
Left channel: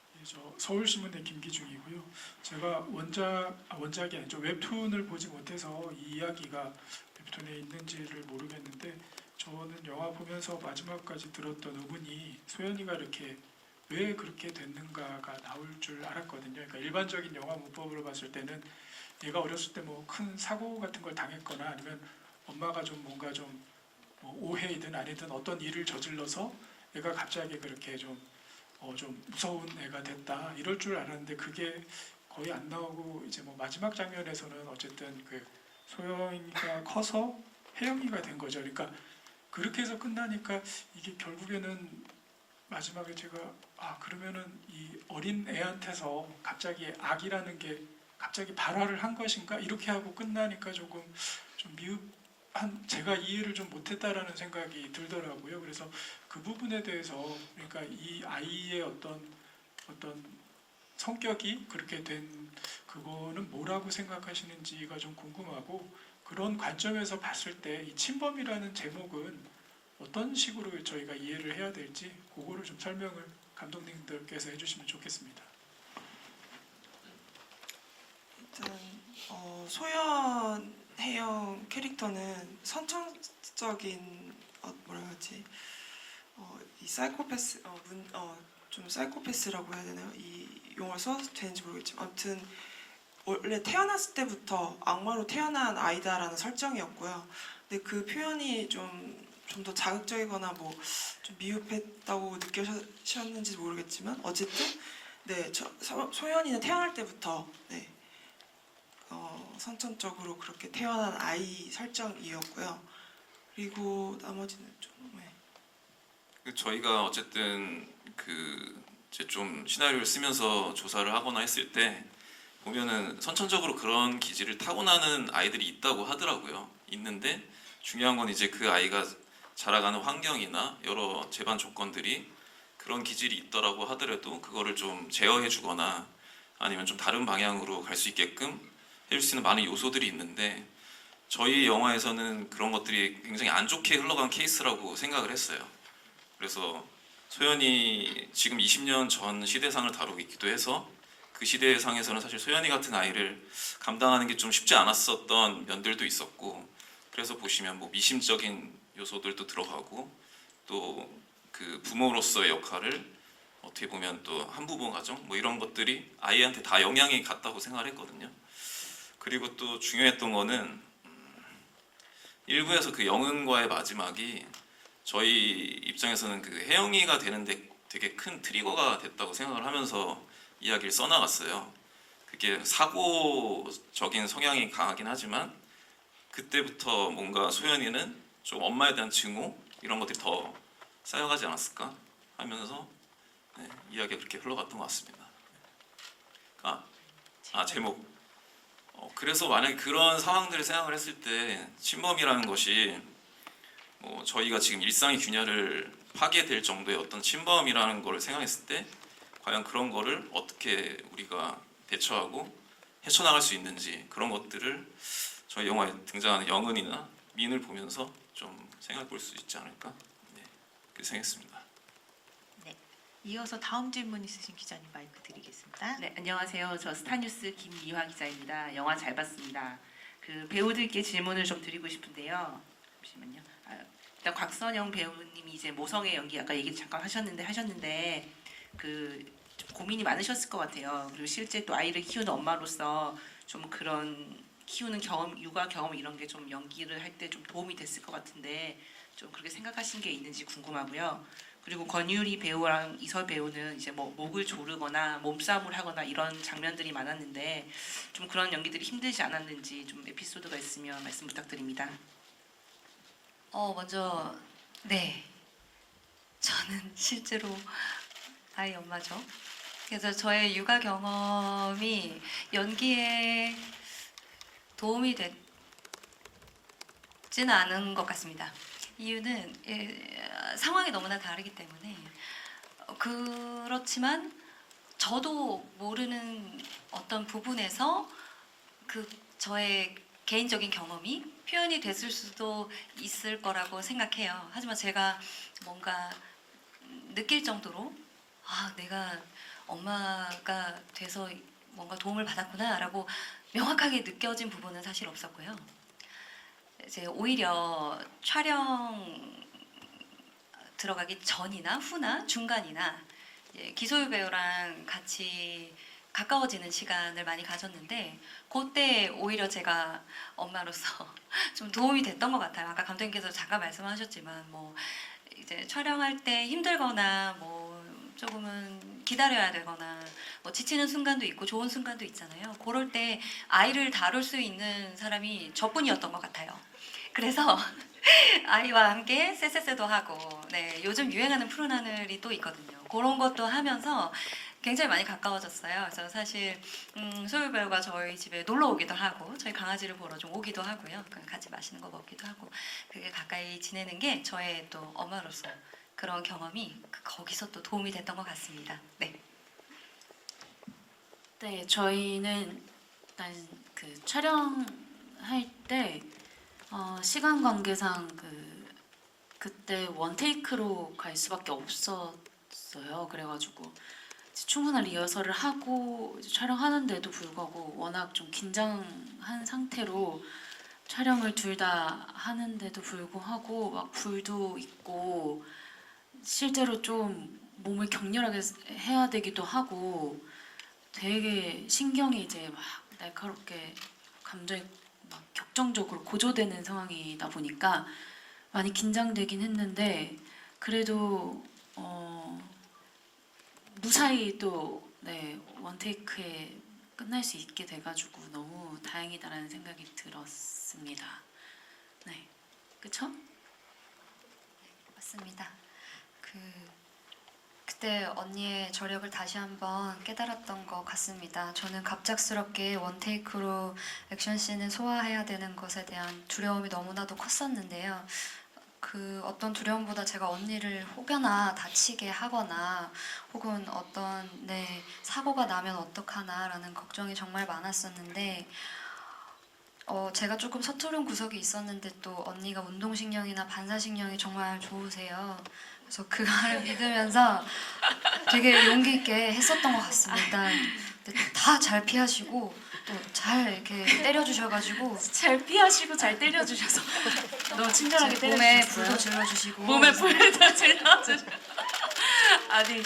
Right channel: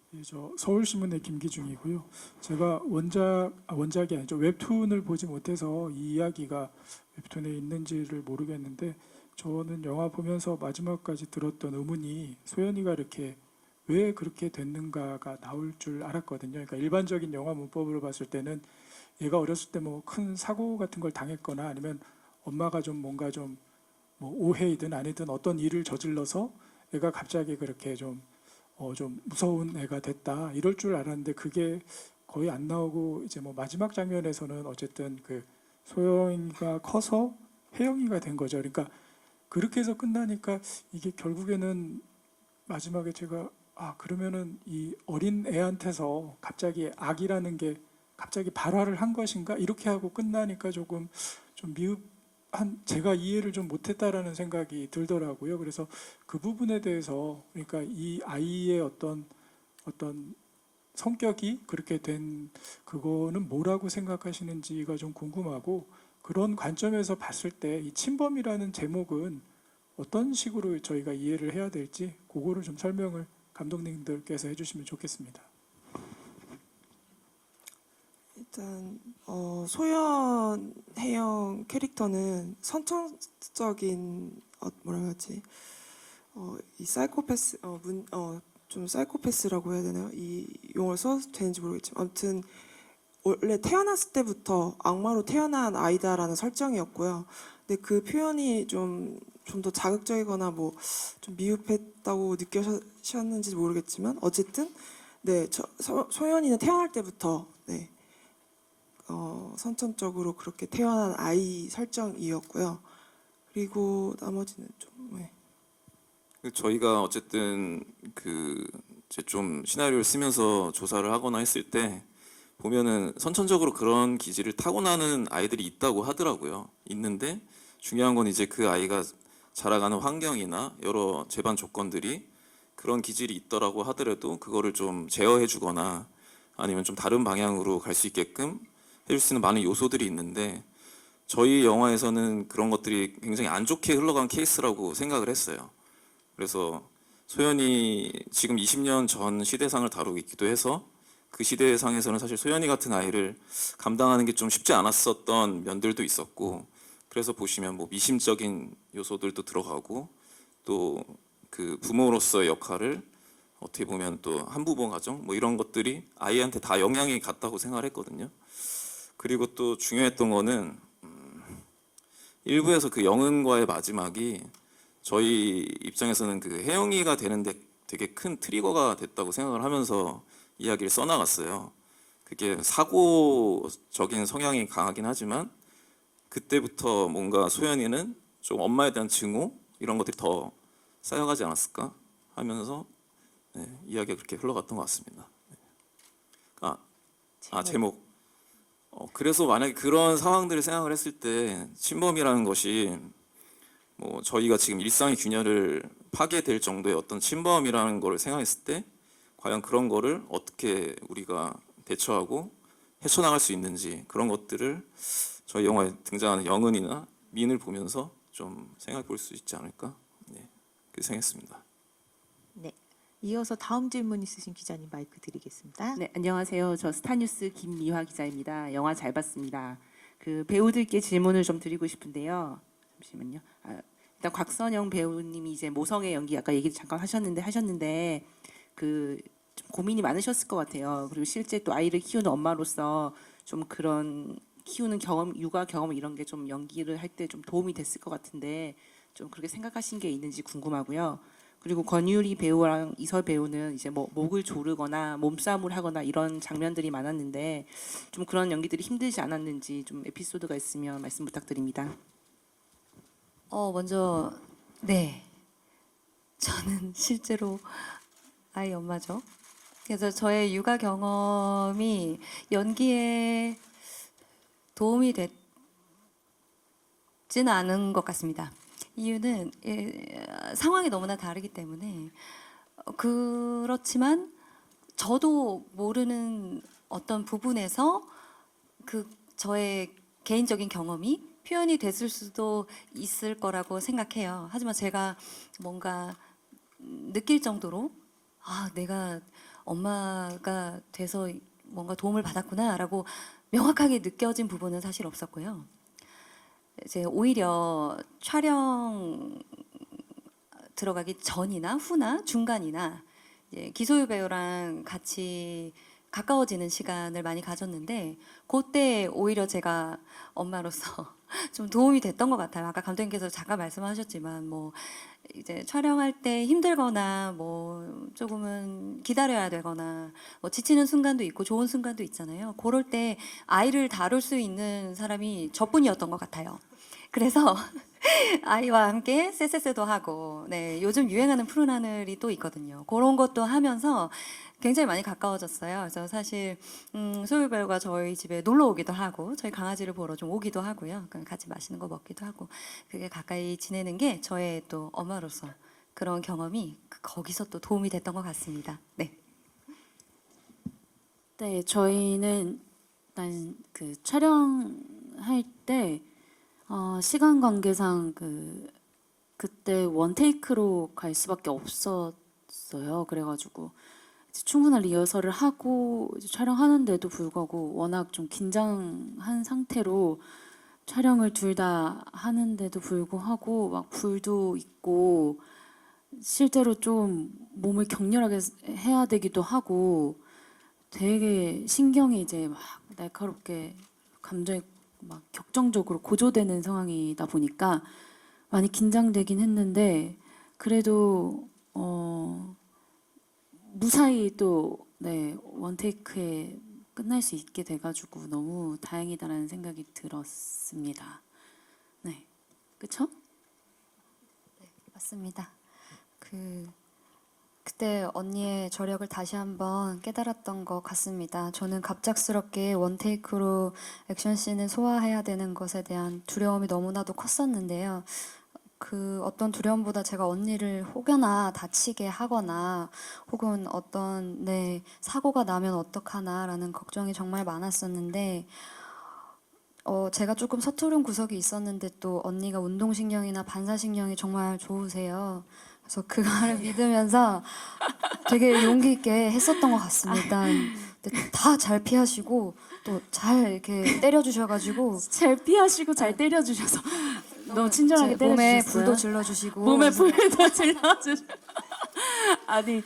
네, 저 서울신문의 김기중이고요. 제가 원작이 아니죠. 웹툰을 보지 못해서 이 이야기가 웹툰에 있는지를 모르겠는데 저는 영화 보면서 마지막까지 들었던 의문이 소연이가 이렇게 왜 그렇게 됐는가가 나올 줄 알았거든요. 그러니까 일반적인 영화 문법으로 봤을 때는 얘가 어렸을 때 뭐 큰 사고 같은 걸 당했거나 아니면 엄마가 좀 뭔가 좀 뭐 오해이든 아니든 어떤 일을 저질러서 얘가 갑자기 그렇게 좀 무서운 애가 됐다 이럴 줄 알았는데 그게 거의 안 나오고 이제 뭐 마지막 장면에서는 어쨌든 그 소영이가 커서 혜영이가 된 거죠. 그러니까 그렇게 해서 끝나니까 이게 결국에는 마지막에 제가 그러면은 이 어린 애한테서 갑자기 악이라는 게 갑자기 발화를 한 것인가 이렇게 하고 끝나니까 조금 좀 제가 이해를 좀 못했다라는 생각이 들더라고요. 그래서 그 부분에 대해서 그러니까 이 아이의 어떤 성격이 그렇게 된 그거는 뭐라고 생각하시는지가 좀 궁금하고 그런 관점에서 봤을 때 이 침범이라는 제목은 어떤 식으로 저희가 이해를 해야 될지 그거를 좀 설명을 감독님들께서 해주시면 좋겠습니다. 일단 소연 혜영 캐릭터는 선천적인 뭐라 그러지 이 사이코패스 좀 사이코패스라고 해야 되나요? 이 용어를 써도 되는지 모르겠지만 아무튼 원래 태어났을 때부터 악마로 태어난 아이다라는 설정이었고요. 근데 그 표현이 좀 더 자극적이거나 뭐 좀 미흡했다고 느끼셨는지 모르겠지만 어쨌든 네, 소연이는 태어날 때부터 네, 선천적으로 그렇게 태어난 아이 설정이었고요. 그리고 나머지는 좀 네. 저희가 어쨌든 그 이제 좀 시나리오를 쓰면서 조사를 하거나 했을 때 보면은 선천적으로 그런 기질을 타고나는 아이들이 있다고 하더라고요. 있는데 중요한 건 이제 그 아이가 자라가는 환경이나 여러 재반 조건들이 그런 기질이 있더라고 하더라도 그거를 좀 제어해주거나 아니면 좀 다른 방향으로 갈 수 있게끔 해줄 수 있는 많은 요소들이 있는데 저희 영화에서는 그런 것들이 굉장히 안 좋게 흘러간 케이스라고 생각을 했어요. 그래서 소연이 지금 20년 전 시대상을 다루고 있기도 해서 그 시대상에서는 사실 소연이 같은 아이를 감당하는 게 좀 쉽지 않았었던 면들도 있었고 그래서 보시면 뭐 미심적인 요소들도 들어가고 또 그 부모로서의 역할을 어떻게 보면 또 한부모 가정 뭐 이런 것들이 아이한테 다 영향이 갔다고 생각을 했거든요. 그리고 또 중요했던 거는 일부에서 그 영은과의 마지막이 저희 입장에서는 그 혜영이가 되는데 되게 큰 트리거가 됐다고 생각을 하면서 이야기를 써나갔어요. 그게 사고적인 성향이 강하긴 하지만 그때부터 뭔가 소연이는 좀 엄마에 대한 증오 이런 것들이 더 쌓여가지 않았을까 하면서 네, 이야기가 그렇게 흘러갔던 것 같습니다. 제목. 그래서 만약에 그런 상황들을 생각을 했을 때 침범이라는 것이 뭐 저희가 지금 일상의 균열을 파괴될 정도의 어떤 침범이라는 걸 생각했을 때 과연 그런 거를 어떻게 우리가 대처하고 헤쳐나갈 수 있는지 그런 것들을 저희 영화에 등장하는 영은이나 민을 보면서 좀 생각해 볼 수 있지 않을까? 네, 그렇게 생각했습니다. 네. 이어서 다음 질문 있으신 기자님 마이크 드리겠습니다. 네, 안녕하세요. 저 스타뉴스 김미화 기자입니다. 영화 잘 봤습니다. 그 배우들께 질문을 좀 드리고 싶은데요. 잠시만요. 일단 곽선영 배우님이 이제 모성의 연기 아까 얘기 잠깐 하셨는데 그 좀 고민이 많으셨을 것 같아요. 그리고 실제 또 아이를 키우는 엄마로서 좀 그런 키우는 경험, 육아 경험 이런 게 좀 연기를 할 때 좀 도움이 됐을 것 같은데 좀 그렇게 생각하신 게 있는지 궁금하고요. 그리고 권유리 배우랑 이설 배우는 이제 뭐 목을 조르거나 몸싸움을 하거나 이런 장면들이 많았는데 좀 그런 연기들이 힘들지 않았는지 좀 에피소드가 있으면 말씀 부탁드립니다. 먼저 네. 저는 실제로 아이 엄마죠. 그래서 저의 육아 경험이 연기에 도움이 됐지는 않은 것 같습니다. 이유는 상황이 너무나 다르기 때문에 그렇지만 저도 모르는 어떤 부분에서 그 저의 개인적인 경험이 표현이 됐을 수도 있을 거라고 생각해요. 하지만 제가 뭔가 느낄 정도로 내가 엄마가 돼서 뭔가 도움을 받았구나라고 명확하게 느껴진 부분은 사실 없었고요. 이제 오히려 촬영 들어가기 전이나 후나 중간이나 기소유 배우랑 같이 가까워지는 시간을 많이 가졌는데 그때 오히려 제가 엄마로서 좀 도움이 됐던 것 같아요. 아까 감독님께서 잠깐 말씀하셨지만 뭐 이제 촬영할 때 힘들거나 뭐 조금은 기다려야 되거나 뭐 지치는 순간도 있고 좋은 순간도 있잖아요. 그럴 때 아이를 다룰 수 있는 사람이 저뿐이었던 것 같아요. 그래서 아이와 함께 쎄쎄쎄도 하고 네, 요즘 유행하는 푸른 하늘이 또 있거든요. 그런 것도 하면서 굉장히 많이 가까워졌어요. 그래서 사실 소유 배우가 저희 집에 놀러 오기도 하고 저희 강아지를 보러 좀 오기도 하고요. 같이 맛있는 거 먹기도 하고 그게 가까이 지내는 게 저의 또 엄마로서 그런 경험이 거기서 또 도움이 됐던 것 같습니다. 네. 네, 저희는 일단 그 촬영할 때 시간 관계상 그때 원테이크로 갈 수밖에 없었어요. 그래가지고 충분한 리허설을 하고 촬영하는데도 불구하고 워낙 좀 긴장한 상태로 촬영을 둘 다 하는데도 불구하고 막 불도 있고 실제로 좀 몸을 격렬하게 해야 되기도 하고 되게 신경이 이제 막 날카롭게 감정이 막 격정적으로 고조되는 상황이다 보니까 많이 긴장되긴 했는데 그래도 무사히 또 네, 원테이크에 끝날 수 있게 돼가지고 너무 다행이다라는 생각이 들었습니다. 네, 그쵸? 맞습니다. 그때 언니의 저력을 다시 한번 깨달았던 것 같습니다. 저는 갑작스럽게 원테이크로 액션씬을 소화해야 되는 것에 대한 두려움이 너무나도 컸었는데요. 그 어떤 두려움보다 제가 언니를 혹여나 다치게 하거나 혹은 어떤 사고가 나면 어떡하나라는 걱정이 정말 많았었는데 제가 조금 서투른 구석이 있었는데 또 언니가 운동신경이나 반사신경이 정말 좋으세요. 그래서 그거를 믿으면서 되게 용기 있게 했었던 것 같습니다. 다 잘 피하시고 또 잘 이렇게 때려주셔가지고 잘 피하시고 잘 때려주셔서 너무 친절하게 제 몸에 때려주셨어요. 불도 질러주시고 몸에 불도 질러주셔. 아니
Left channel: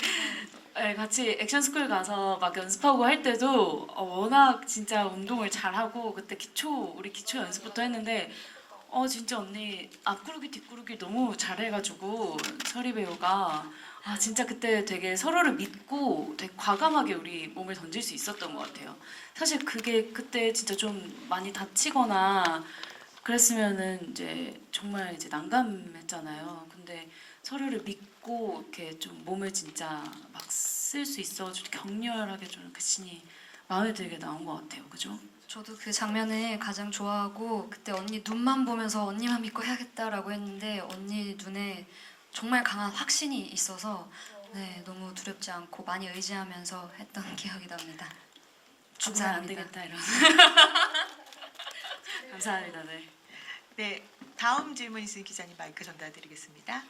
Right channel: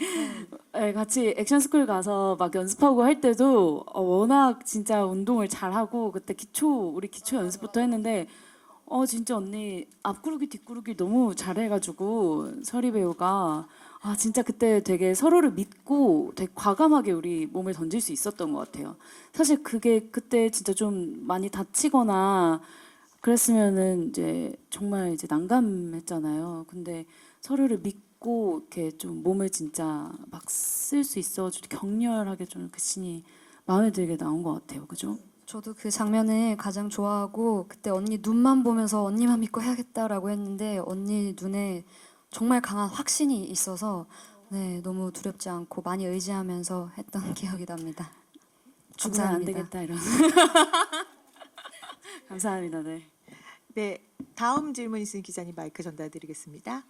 네, 같이 액션스쿨 가서 막 연습하고 할 때도 워낙 진짜 운동을 잘하고 그때 우리 기초 연습부터 했는데 진짜 언니 앞구르기 뒷구르기 너무 잘해가지고 서리 배우가 진짜 그때 되게 서로를 믿고 되게 과감하게 우리 몸을 던질 수 있었던 것 같아요. 사실 그게 그때 진짜 좀 많이 다치거나 그랬으면은 이제 정말 이제 난감했잖아요. 근데 서로를 믿고 이렇게 좀 몸을 진짜 막 쓸 수 있어가지고 격렬하게 좀 그 씬이 마음에 들게 나온 것 같아요. 그죠? 저도 그 장면을 가장 좋아하고 그때 언니 눈만 보면서 언니만 믿고 해야겠다라고 했는데 언니 눈에 정말 강한 확신이 있어서 너무 두렵지 않고 많이 의지하면서 했던 기억이 납니다. 죽으면 안 감사합니다. 되겠다 이런. 감사합니다. 네. 네, 다음 질문 있으신 기자님 마이크 전달드리겠습니다.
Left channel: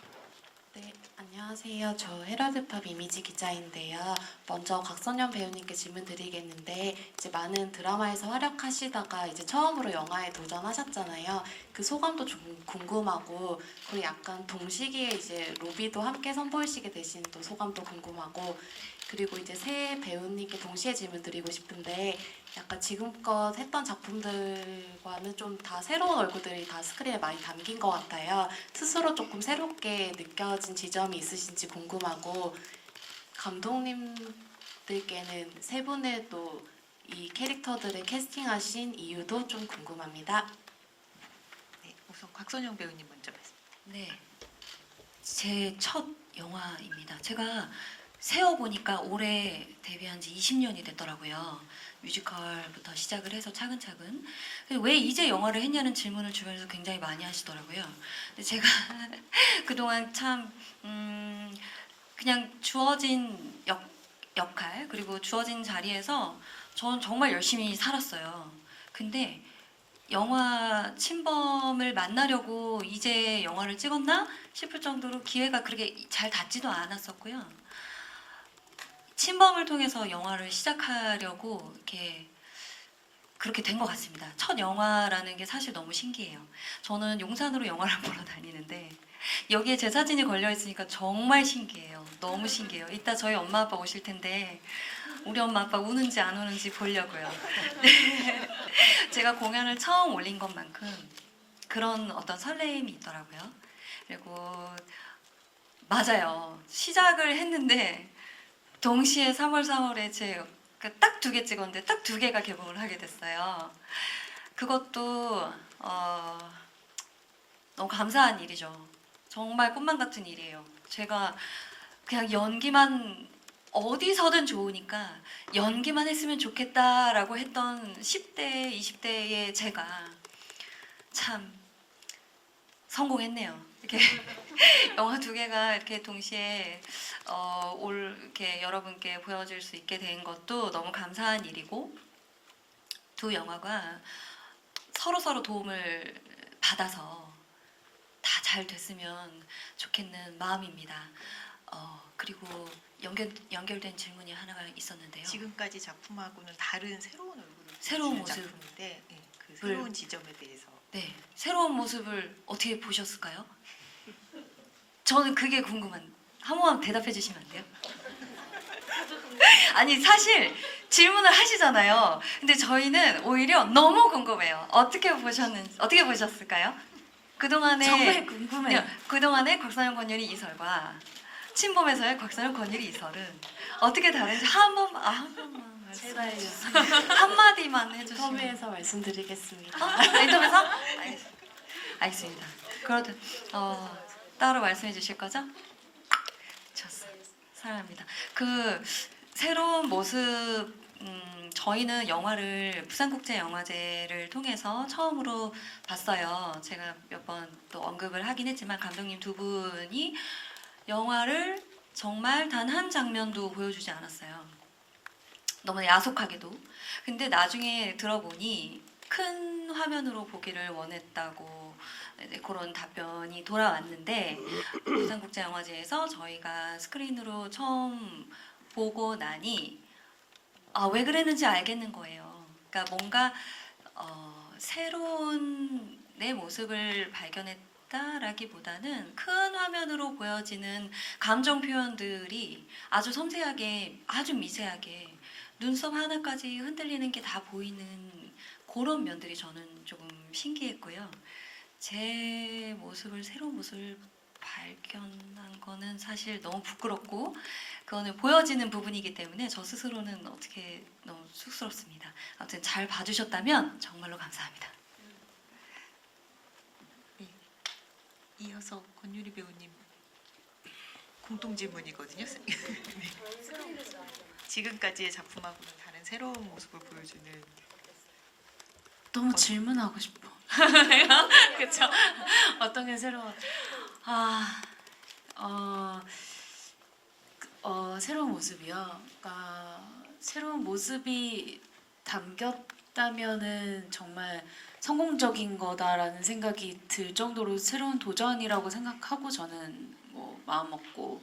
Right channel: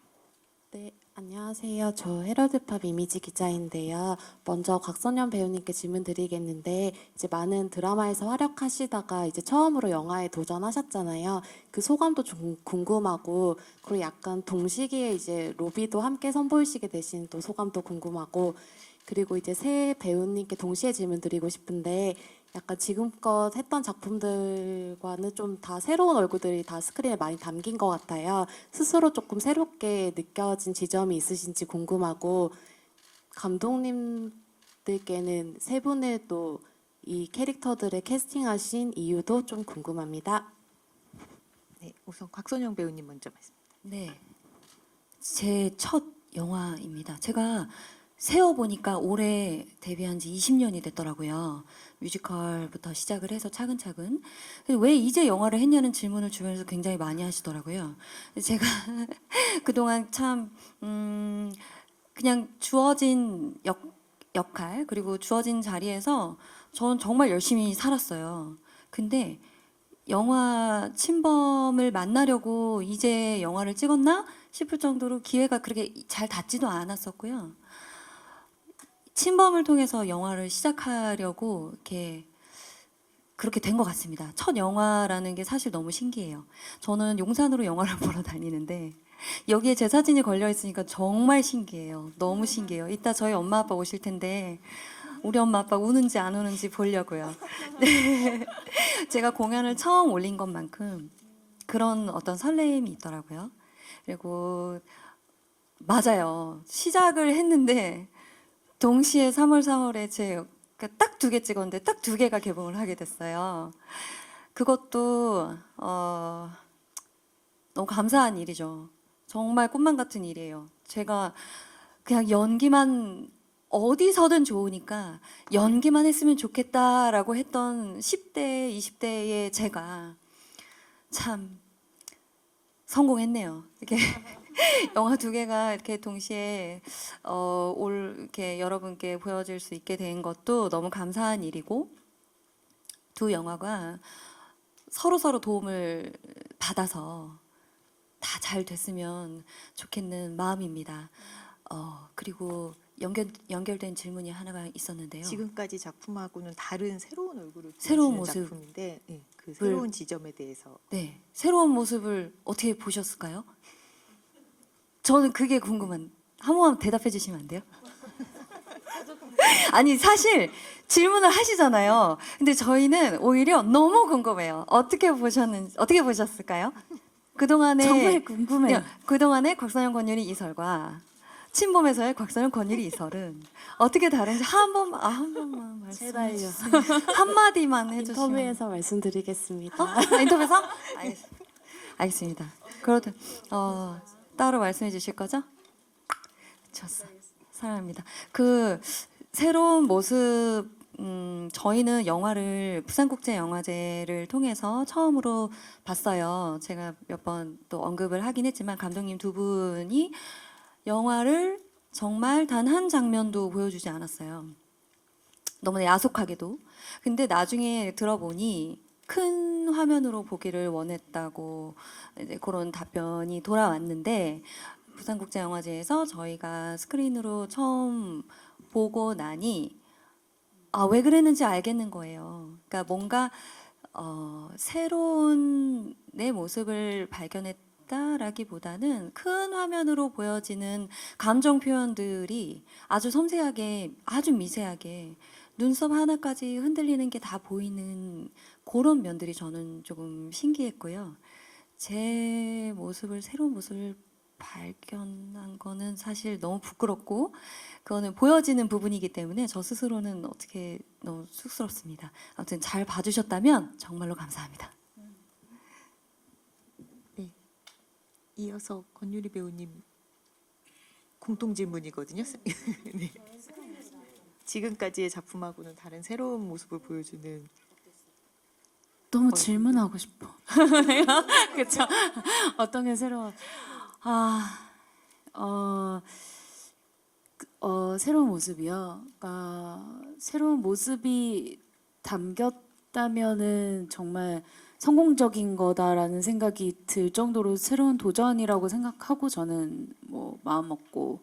네, 안녕하세요. 저 헤럴드팝 이미지 기자인데요. 먼저 곽선영 배우님께 질문 드리겠는데 이제 많은 드라마에서 활약하시다가 이제 처음으로 영화에 도전하셨잖아요. 그 소감도 좀 궁금하고 그리고 약간 동시기에 이제 로비도 함께 선보이시게 되신 또 소감도 궁금하고 그리고 이제 새 배우님께 동시에 질문 드리고 싶은데 약간 지금껏 했던 작품들과는 좀 다 새로운 얼굴들이 다 스크린에 많이 담긴 것 같아요. 스스로 조금 새롭게 느껴진 지점이 있으신지 궁금하고 감독님들께는 세 분을 또 이 캐릭터들을 캐스팅하신 이유도 좀 궁금합니다. 네, 우선 곽선영 배우님 먼저 말씀. 네, 제 첫 영화입니다. 제가 세어보니까 올해 데뷔한 지 20년이 됐더라고요. 뮤지컬부터 시작을 해서 차근차근. 왜 이제 영화를 했냐는 질문을 주변에서 굉장히 많이 하시더라고요. 제가 그동안 참 그냥 주어진 역할 그리고 주어진 자리에서 전 정말 열심히 살았어요. 근데 영화 침범을 만나려고 이제 영화를 찍었나 싶을 정도로 기회가 그렇게 잘 닿지도 않았었고요. 침범을 통해서 영화를 시작하려고 그렇게 된 것 같습니다. 첫 영화라는 게 사실 너무 신기해요. 저는 용산으로 영화를 보러 다니는데 여기에 제 사진이 걸려 있으니까 정말 신기해요. 너무 신기해요. 이따 저희 엄마 아빠 오실 텐데 우리 엄마 아빠 우는지 안 우는지 보려고요. 네. 제가 공연을 처음 올린 것만큼 그런 어떤 설레임이 있더라고요. 그리고 맞아요. 시작을 했는데 동시에 3월 4월에 제 딱 2개 찍었는데 딱 2개가 개봉을 하게 됐어요. 그것도 너무 감사한 일이죠. 정말 꿈만 같은 일이에요. 제가 그냥 연기만 어디서든 좋으니까 연기만 했으면 좋겠다라고 했던 10대, 20대의 제가 참 성공했네요. 이렇게 영화 2개가 이렇게 동시에 이렇게 여러분께 보여질 수 있게 된 것도 너무 감사한 일이고 두 영화가 서로 도움을 받아서 다 잘 됐으면 좋겠는 마음입니다. 그리고 연결된 질문이 하나가 있었는데요. 지금까지 작품하고는 다른 새로운 얼굴을 새로운 보여주는 모습. 작품인데 그 새로운 지점에 대해서 새로운 모습을 어떻게 보셨을까요? 저는 그게 한 번만 대답해 주시면 안 돼요? 아니 사실 질문을 하시잖아요. 근데 저희는 오히려 너무 궁금해요. 어떻게 보셨을까요? 그동안에 정말 궁금해요. 그동안의 곽선영 권율이 이설과 친범에서의 곽선영 권율이 이설은 어떻게 다른지 한 번만 말씀해 주세요. 한 마디만 해주시면. 인터뷰에서 말씀드리겠습니다. 인터뷰에서? 알겠습니다. 그러다 따로 말씀해 주실 거죠? 좋습니다. 사랑합니다. 그 새로운 모습, 저희는 영화를 부산국제영화제를 통해서 처음으로 봤어요. 제가 몇 번 또 언급을 하긴 했지만 감독님 두 분이 영화를 정말 단 한 장면도 보여주지 않았어요. 너무 야속하게도. 근데 나중에 들어보니 큰 화면으로 보기를 원했다고 그런 답변이 돌아왔는데 부산국제영화제에서 저희가 스크린으로 처음 보고 나니 왜 그랬는지 알겠는 거예요. 그러니까 뭔가 새로운 내 모습을 발견했다라기보다는 큰 화면으로 보여지는 감정 표현들이 아주 섬세하게, 아주 미세하게 눈썹 하나까지 흔들리는 게 다 보이는 그런 면들이 저는 조금 신기했고요. 제 모습을, 새로운 모습을 발견한 거는 사실 너무 부끄럽고 그거는 보여지는 부분이기 때문에 저 스스로는 어떻게 너무 쑥스럽습니다. 아무튼 잘 봐주셨다면 정말로 감사합니다. 이어서 권유리 배우님 공통 질문이거든요. 네. 지금까지의 작품하고는 다른 새로운 모습을 보여주는 너무 질문하고 싶어. 그렇죠. 어떤 게 새로운 새로운 모습이요. 새로운 모습이 담겼다면은 정말 성공적인 거다라는 생각이 들 정도로 새로운 도전이라고 생각하고 저는 뭐 마음 먹고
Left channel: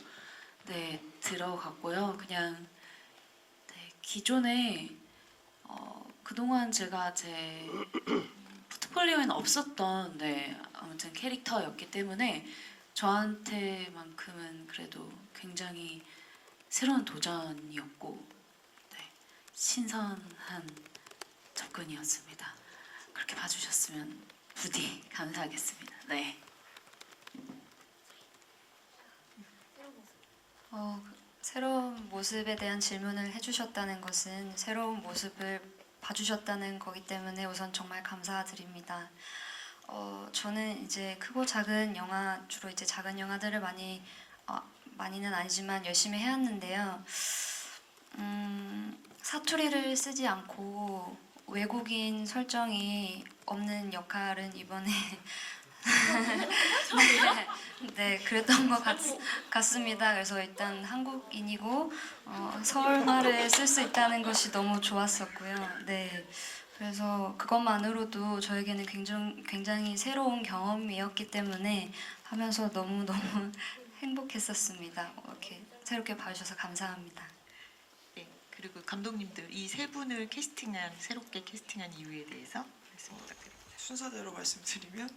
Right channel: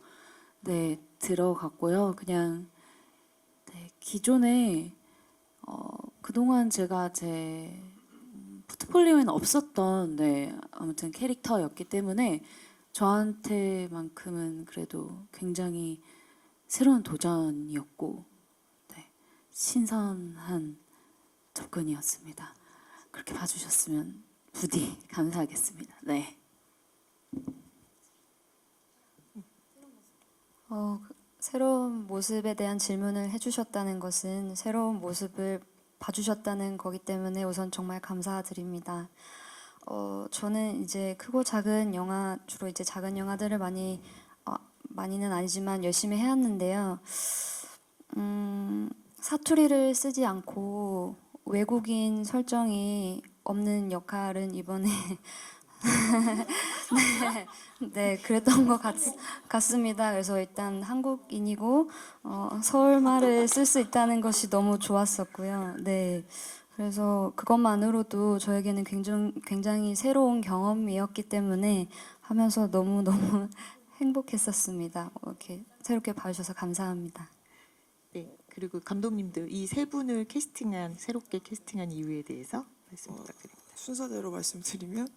네 들어갔고요. 그냥 네, 기존에 그동안 제가 제 포트폴리오에는 없었던 아무튼 캐릭터였기 때문에 저한테만큼은 그래도 굉장히 새로운 도전이었고 신선한 접근이었습니다. 그렇게 봐주셨으면 부디 감사하겠습니다. 네. 새로운 모습에 대한 질문을 해주셨다는 것은 새로운 모습을 봐주셨다는 거기 때문에 우선 정말 감사드립니다. 저는 이제 크고 작은 영화, 주로 이제 작은 영화들을 많이는 아니지만 열심히 해왔는데요. 사투리를 쓰지 않고 외국인 설정이 없는 역할은 이번에 네, 그랬던 것 같습니다. 그래서 일단 한국인이고 서울말을 쓸 수 있다는 것이 너무 좋았었고요. 네, 그래서 그것만으로도 저에게는 굉장히 새로운 경험이었기 때문에 하면서 너무 행복했었습니다. 이렇게 새롭게 봐주셔서 감사합니다. 네, 그리고 감독님들 이 세 분을 새롭게 캐스팅한 이유에 대해서 말씀 부탁드립니다. 순서대로 말씀드리면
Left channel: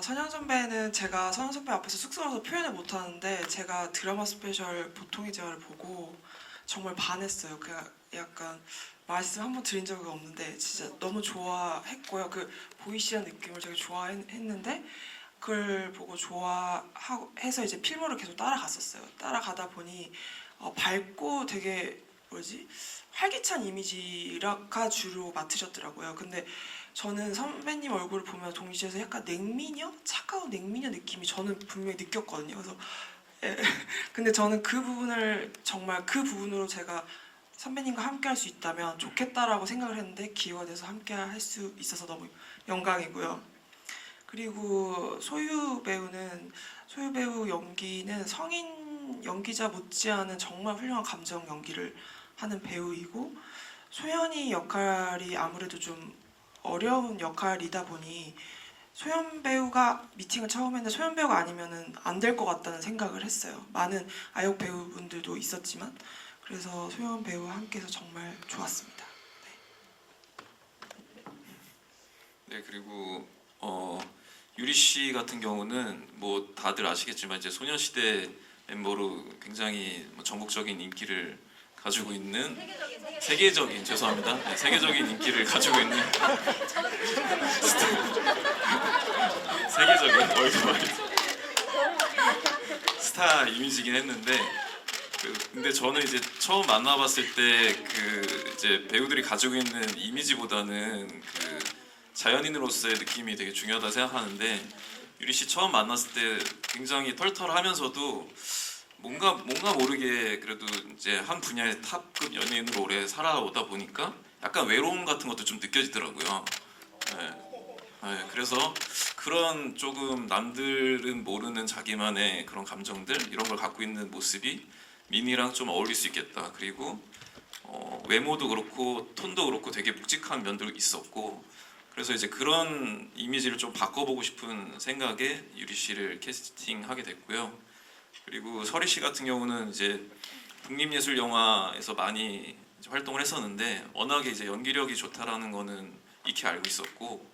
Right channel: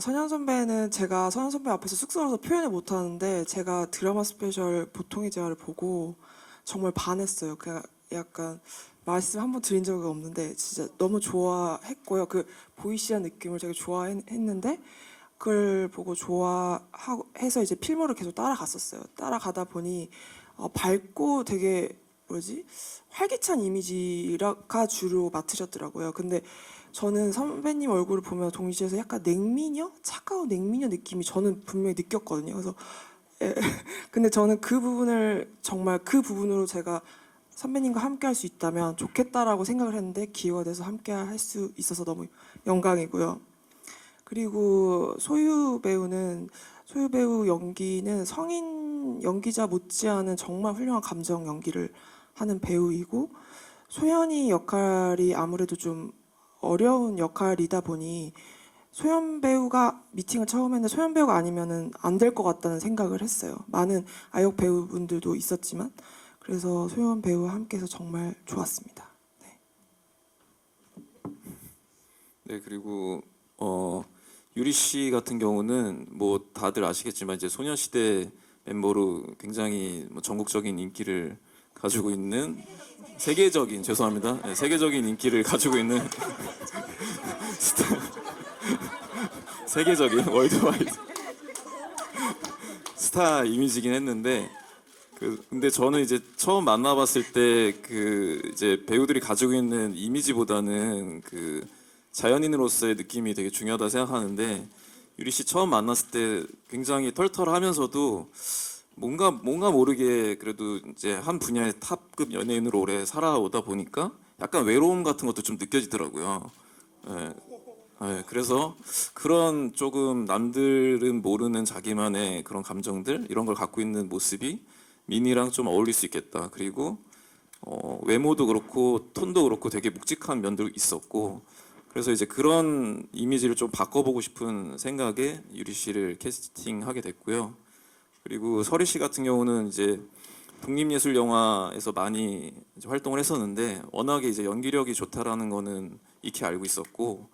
선영 선배는 제가 선영 선배 앞에서 쑥스러워서 표현을 못하는데 제가 드라마 스페셜 보통의 재활을 보고 정말 반했어요. 그냥 약간 말씀 한번 드린 적이 없는데 진짜 너무 좋아했고요. 그 보이시한 느낌을 되게 좋아했는데 그걸 보고 좋아해서 이제 필모를 계속 따라갔었어요. 따라가다 보니 밝고 되게 활기찬 이미지가 주로 맡으셨더라고요. 근데 저는 선배님 얼굴을 보면 동시에서 약간 차가운 냉미녀 느낌이 저는 분명히 느꼈거든요. 그래서 근데 저는 그 부분으로 제가 선배님과 함께 할 수 있다면 좋겠다라고 생각을 했는데 기회가 돼서 함께 할 수 있어서 너무 영광이고요. 그리고 소유 배우 연기는 성인 연기자 못지않은 정말 훌륭한 감정 연기를 하는 배우이고 소연이 역할이 아무래도 좀 어려운 역할이다 보니 소연 배우가 미팅을 처음 했는데 소연 배우가 아니면은 안 될 것 같다는 생각을 했어요. 많은 아역 배우분들도 있었지만 그래서 소연 배우와 함께해서 정말 좋았습니다. 네, 그리고 유리 씨 같은 경우는 뭐 다들 아시겠지만 이제 소녀시대 멤버로 굉장히 뭐 전국적인 인기를 가지고 있는 세계적인 죄송합니다. 네, 세계적인 인기를 가지고 있는 세계적인 월드와이드 스타 이미지긴 했는데 근데 저는 이제 처음 만나봤을 때 이제 배우들이 가지고 있는 이미지보다는 자연인으로서의 느낌이 되게 중요하다 생각하는데 유리 씨 처음 만났을 때 굉장히 털털하면서도 뭔가 모르게 그래도 이제 한 분야의 탑급 연예인으로 오래 살아오다 보니까 약간 외로움 같은 것도 좀 느껴지더라고요. 네. 네, 그래서 그런 조금 남들은 모르는 자기만의 그런 감정들 이런 걸 갖고 있는 모습이 미니랑 좀 어울릴 수 있겠다. 그리고 외모도 그렇고 톤도 그렇고 되게 묵직한 면도 있었고 그래서 이제 그런 이미지를 좀 바꿔보고 싶은 생각에 유리 씨를 캐스팅하게 됐고요. 그리고 서리 씨 같은 경우는 이제 국립예술영화에서 많이 이제 활동을 했었는데 워낙에 이제 연기력이 좋다라는 거는 익히 알고 있었고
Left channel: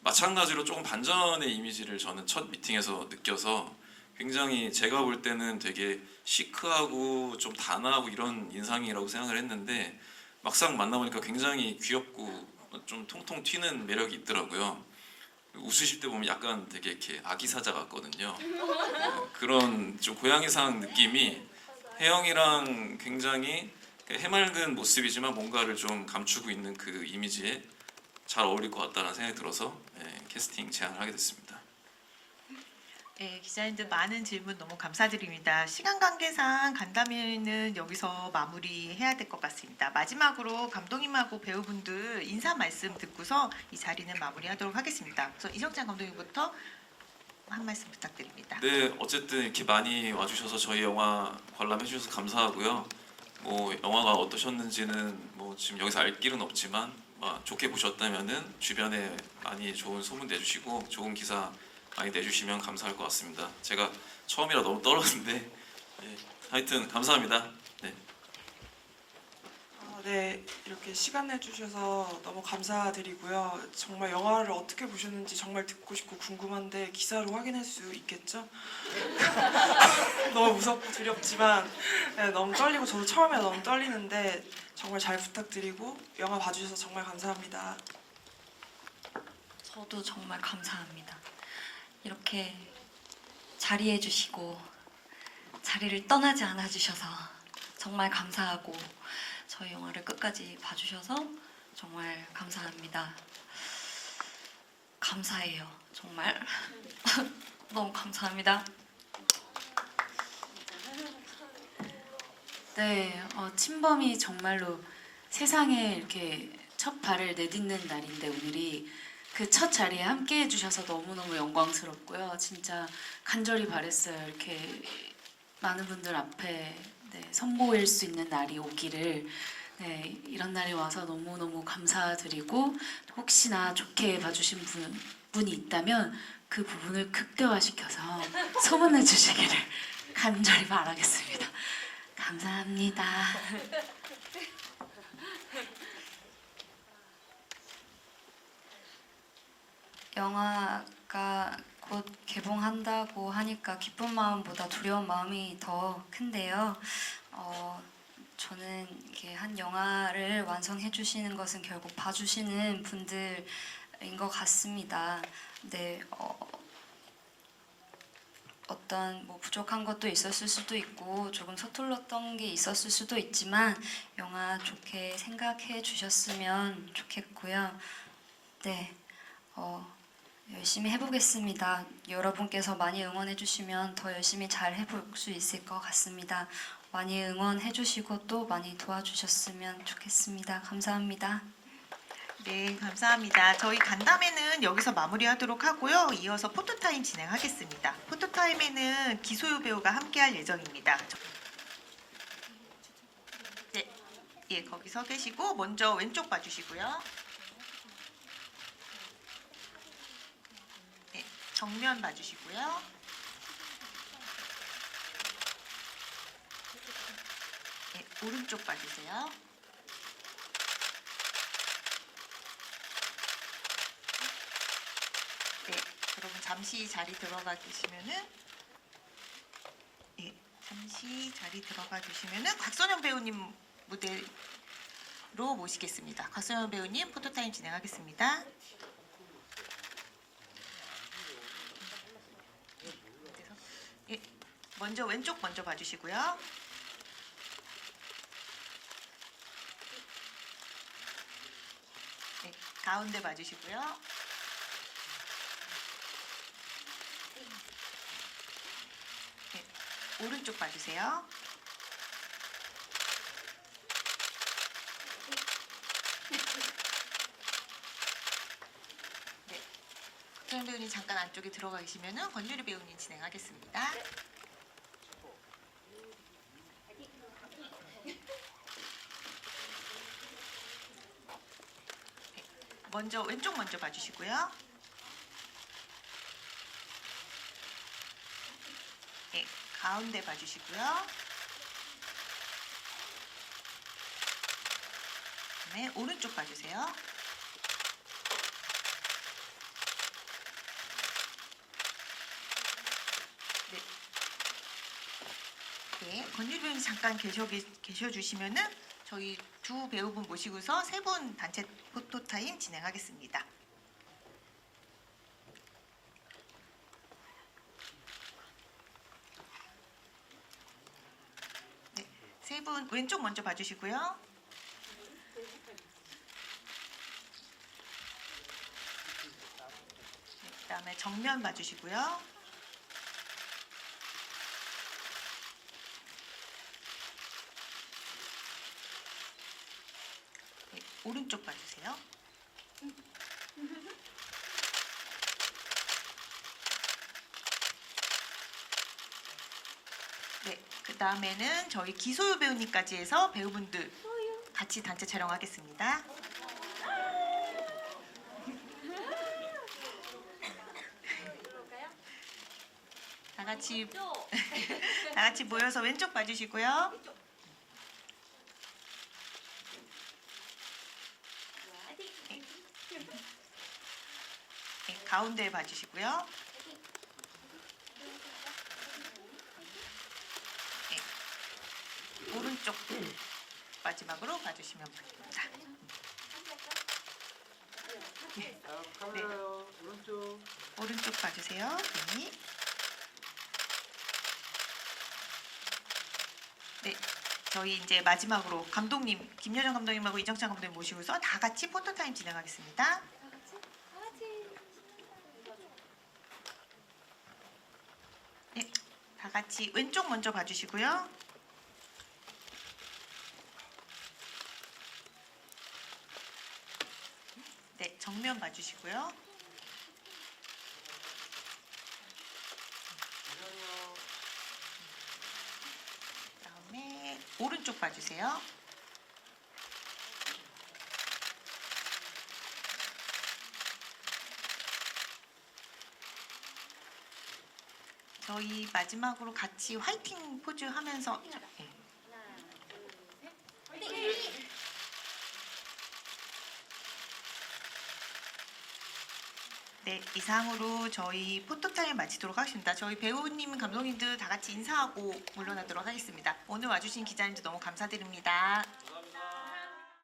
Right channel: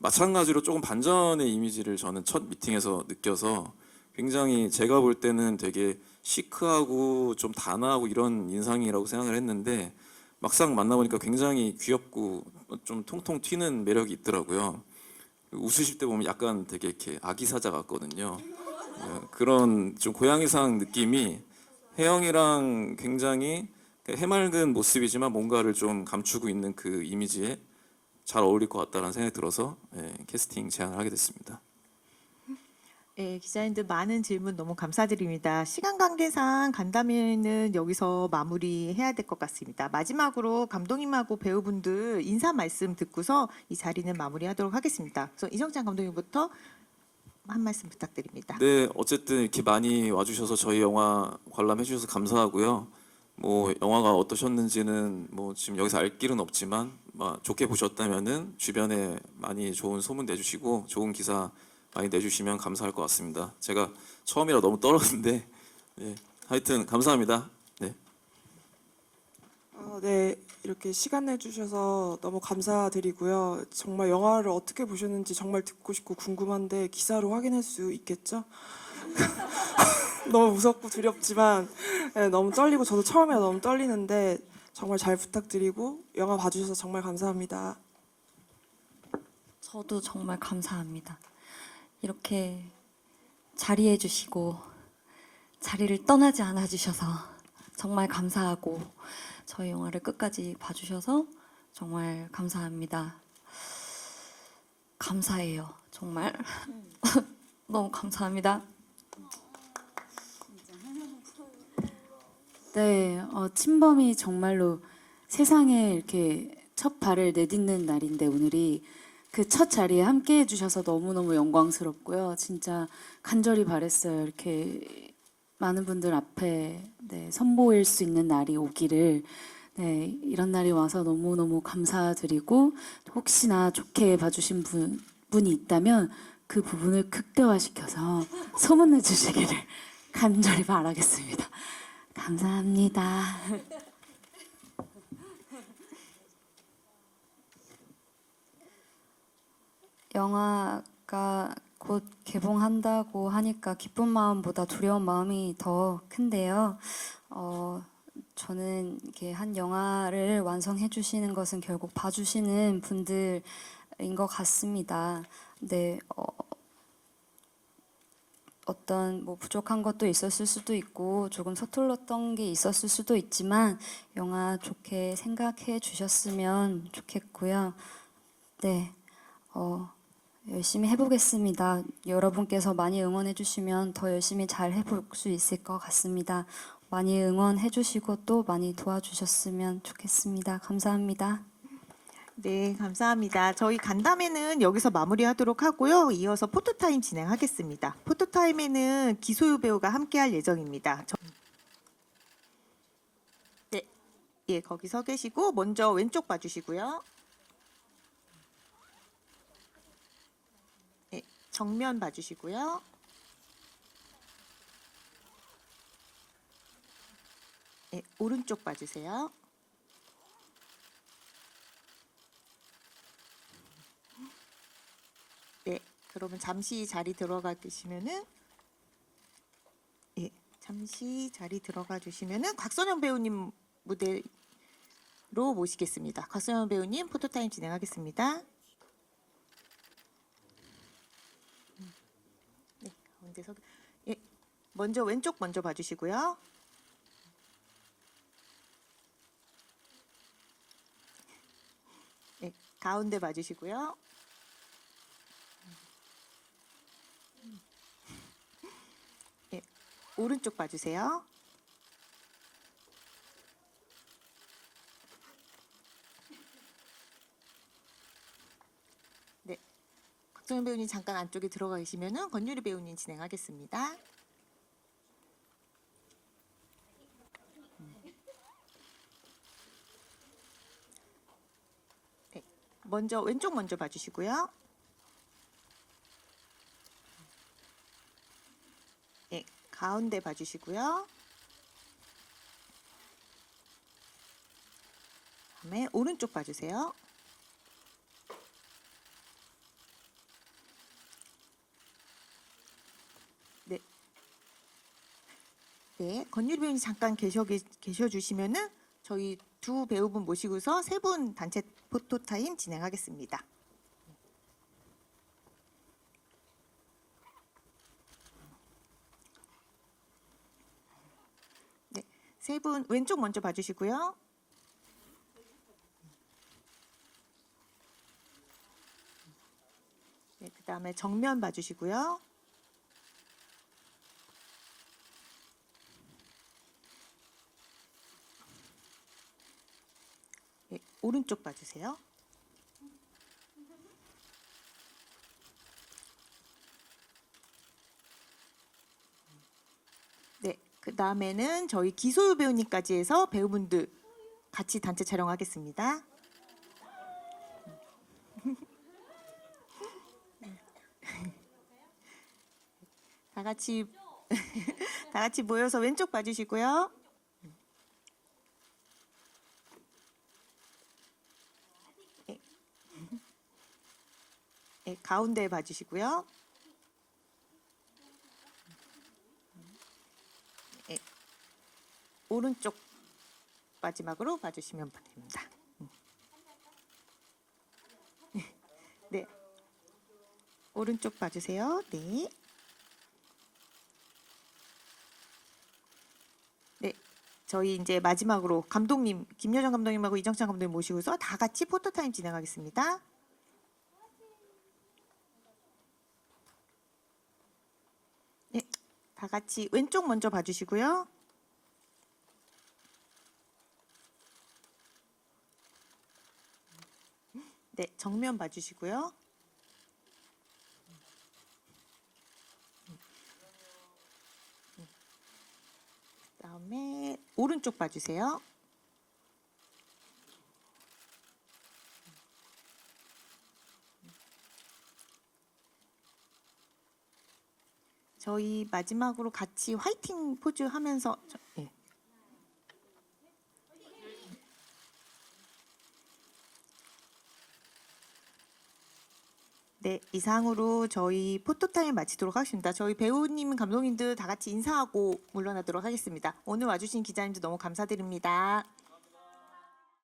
마찬가지로 조금 반전의 이미지를 저는 첫 미팅에서 느껴서 굉장히 제가 볼 때는 되게 시크하고 좀 단아하고 이런 인상이라고 생각을 했는데 막상 만나보니까 굉장히 귀엽고 좀 통통 튀는 매력이 있더라고요. 웃으실 때 보면 약간 되게 이렇게 아기 사자 같거든요. 그런 좀 고양이상 느낌이 혜영이랑 굉장히 해맑은 모습이지만 뭔가를 좀 감추고 있는 그 이미지에 잘 어울릴 것 같다는 생각이 들어서 캐스팅 제안을 하게 됐습니다. 네, 기자님들 많은 질문 너무 감사드립니다. 시간 관계상 간담회는 여기서 마무리해야 될 것 같습니다. 마지막으로 감독님하고 배우분들 인사 말씀 듣고서 이 자리는 마무리하도록 하겠습니다. 그래서 이정찬 감독님부터 한 말씀 부탁드립니다. 네, 어쨌든 이렇게 많이 와주셔서 저희 영화 관람해 주셔서 감사하고요. 뭐 영화가 어떠셨는지는 뭐 지금 여기서 알 길은 없지만 좋게 보셨다면은 주변에 많이 좋은 소문 내주시고 좋은 기사 많이 내주시면 감사할 것 같습니다. 제가 처음이라 너무 떨었는데 하여튼 감사합니다. 네. 네, 이렇게 시간 내주셔서 너무 감사드리고요. 정말 영화를 어떻게 보셨는지 정말 듣고 싶고 궁금한데 기사로 확인할 수 있겠죠? 너무 무섭고 두렵지만 너무 떨리고 저도 처음에 너무 떨리는데 정말 잘 부탁드리고 영화 봐주셔서 정말 감사합니다. 저도 정말 감사합니다. 이렇게 자리해 주시고 자리를 떠나지 않아 주셔서 정말 감사하고 저희 영화를 끝까지 봐주셔서 정말 감사합니다. 감사해요. 정말 너무 감사합니다. 네, 침범이 정말로 세상에 이렇게 첫 발을 내딛는 날인데 오늘이 그 첫 자리에 함께 해주셔서 너무너무 영광스럽고요. 진짜 간절히 바랬어요. 이렇게 많은 분들 앞에 선보일 수 있는 날이 오기를 이런 날이 와서 너무너무 감사드리고 혹시나 좋게 봐주신 분이 있다면 그 부분을 극대화시켜서 소문내 주시기를 간절히 바라겠습니다. 감사합니다. 영화가 곧 개봉한다고 하니까 기쁜 마음보다 두려운 마음이 더 큰데요. 저는 이렇게 한 영화를 완성해 주시는 것은 결국 봐주시는 분들인 것 같습니다. 네, 어떤 뭐 부족한 것도 있었을 수도 있고 조금 서툴렀던 게 있었을 수도 있지만 영화 좋게 생각해 주셨으면 좋겠고요. 네, 열심히 해보겠습니다. 여러분께서 많이 응원해 주시면 더 열심히 잘 해볼 수 있을 것 같습니다. 많이 응원해 주시고 또 많이 도와주셨으면 좋겠습니다. 감사합니다. 네, 감사합니다. 저희 간담회는 여기서 마무리하도록 하고요. 이어서 포토타임 진행하겠습니다. 포토타임에는 기소유 배우가 함께할 예정입니다. 네, 거기 서 계시고 먼저 왼쪽 봐주시고요. 네, 정면 봐주시고요. 네, 오른쪽 봐주세요. 네, 여러분 잠시 자리 들어가 계시면은 잠시 자리 들어가 주시면은 곽선영 배우님 무대로 모시겠습니다. 곽선영 배우님 포토타임 진행하겠습니다. 먼저 왼쪽 먼저 봐주시고요. 네, 가운데 봐주시고요. 네, 오른쪽 봐주세요. 네, 박정 배우님 잠깐 안쪽에 들어가 계시면은 권유리 배우님 진행하겠습니다. 네, 먼저 왼쪽 먼저 봐주시고요. 네, 가운데 봐주시고요. 네, 오른쪽 봐주세요. 네. 네, 권유리 배우님 잠깐 계셔주시면은 저희 두 배우분 모시고서 세 분 단체 포토타임 진행하겠습니다. 네, 세 분 왼쪽 먼저 봐주시고요. 네, 그다음에 정면 봐주시고요. 네, 오른쪽 봐주세요. 네, 그 다음에는 저희 기소유 배우님까지 해서 배우분들 같이 단체 촬영하겠습니다. 다 같이 다 같이 모여서 왼쪽 봐주시고요. 네. 네, 가운데 봐주시고요. 네, 오른쪽 마지막으로 봐주시면 됩니다. 네, 오른쪽 봐주세요. 네. 네, 저희 이제 마지막으로 감독님, 김여정 감독님하고 이정찬 감독님 모시고서 다 같이 포토타임 진행하겠습니다. 네, 다 같이 왼쪽 먼저 봐주시고요. 네, 정면 봐주시고요. 그다음에 오른쪽 봐주세요. 저희 마지막으로 같이 화이팅 포즈 하면서 네. 네, 이상으로 저희 포토타임 마치도록 하겠습니다. 저희 배우님, 감독님들 다 같이 인사하고 물러나도록 하겠습니다. 오늘 와주신 기자님들 너무 감사드립니다.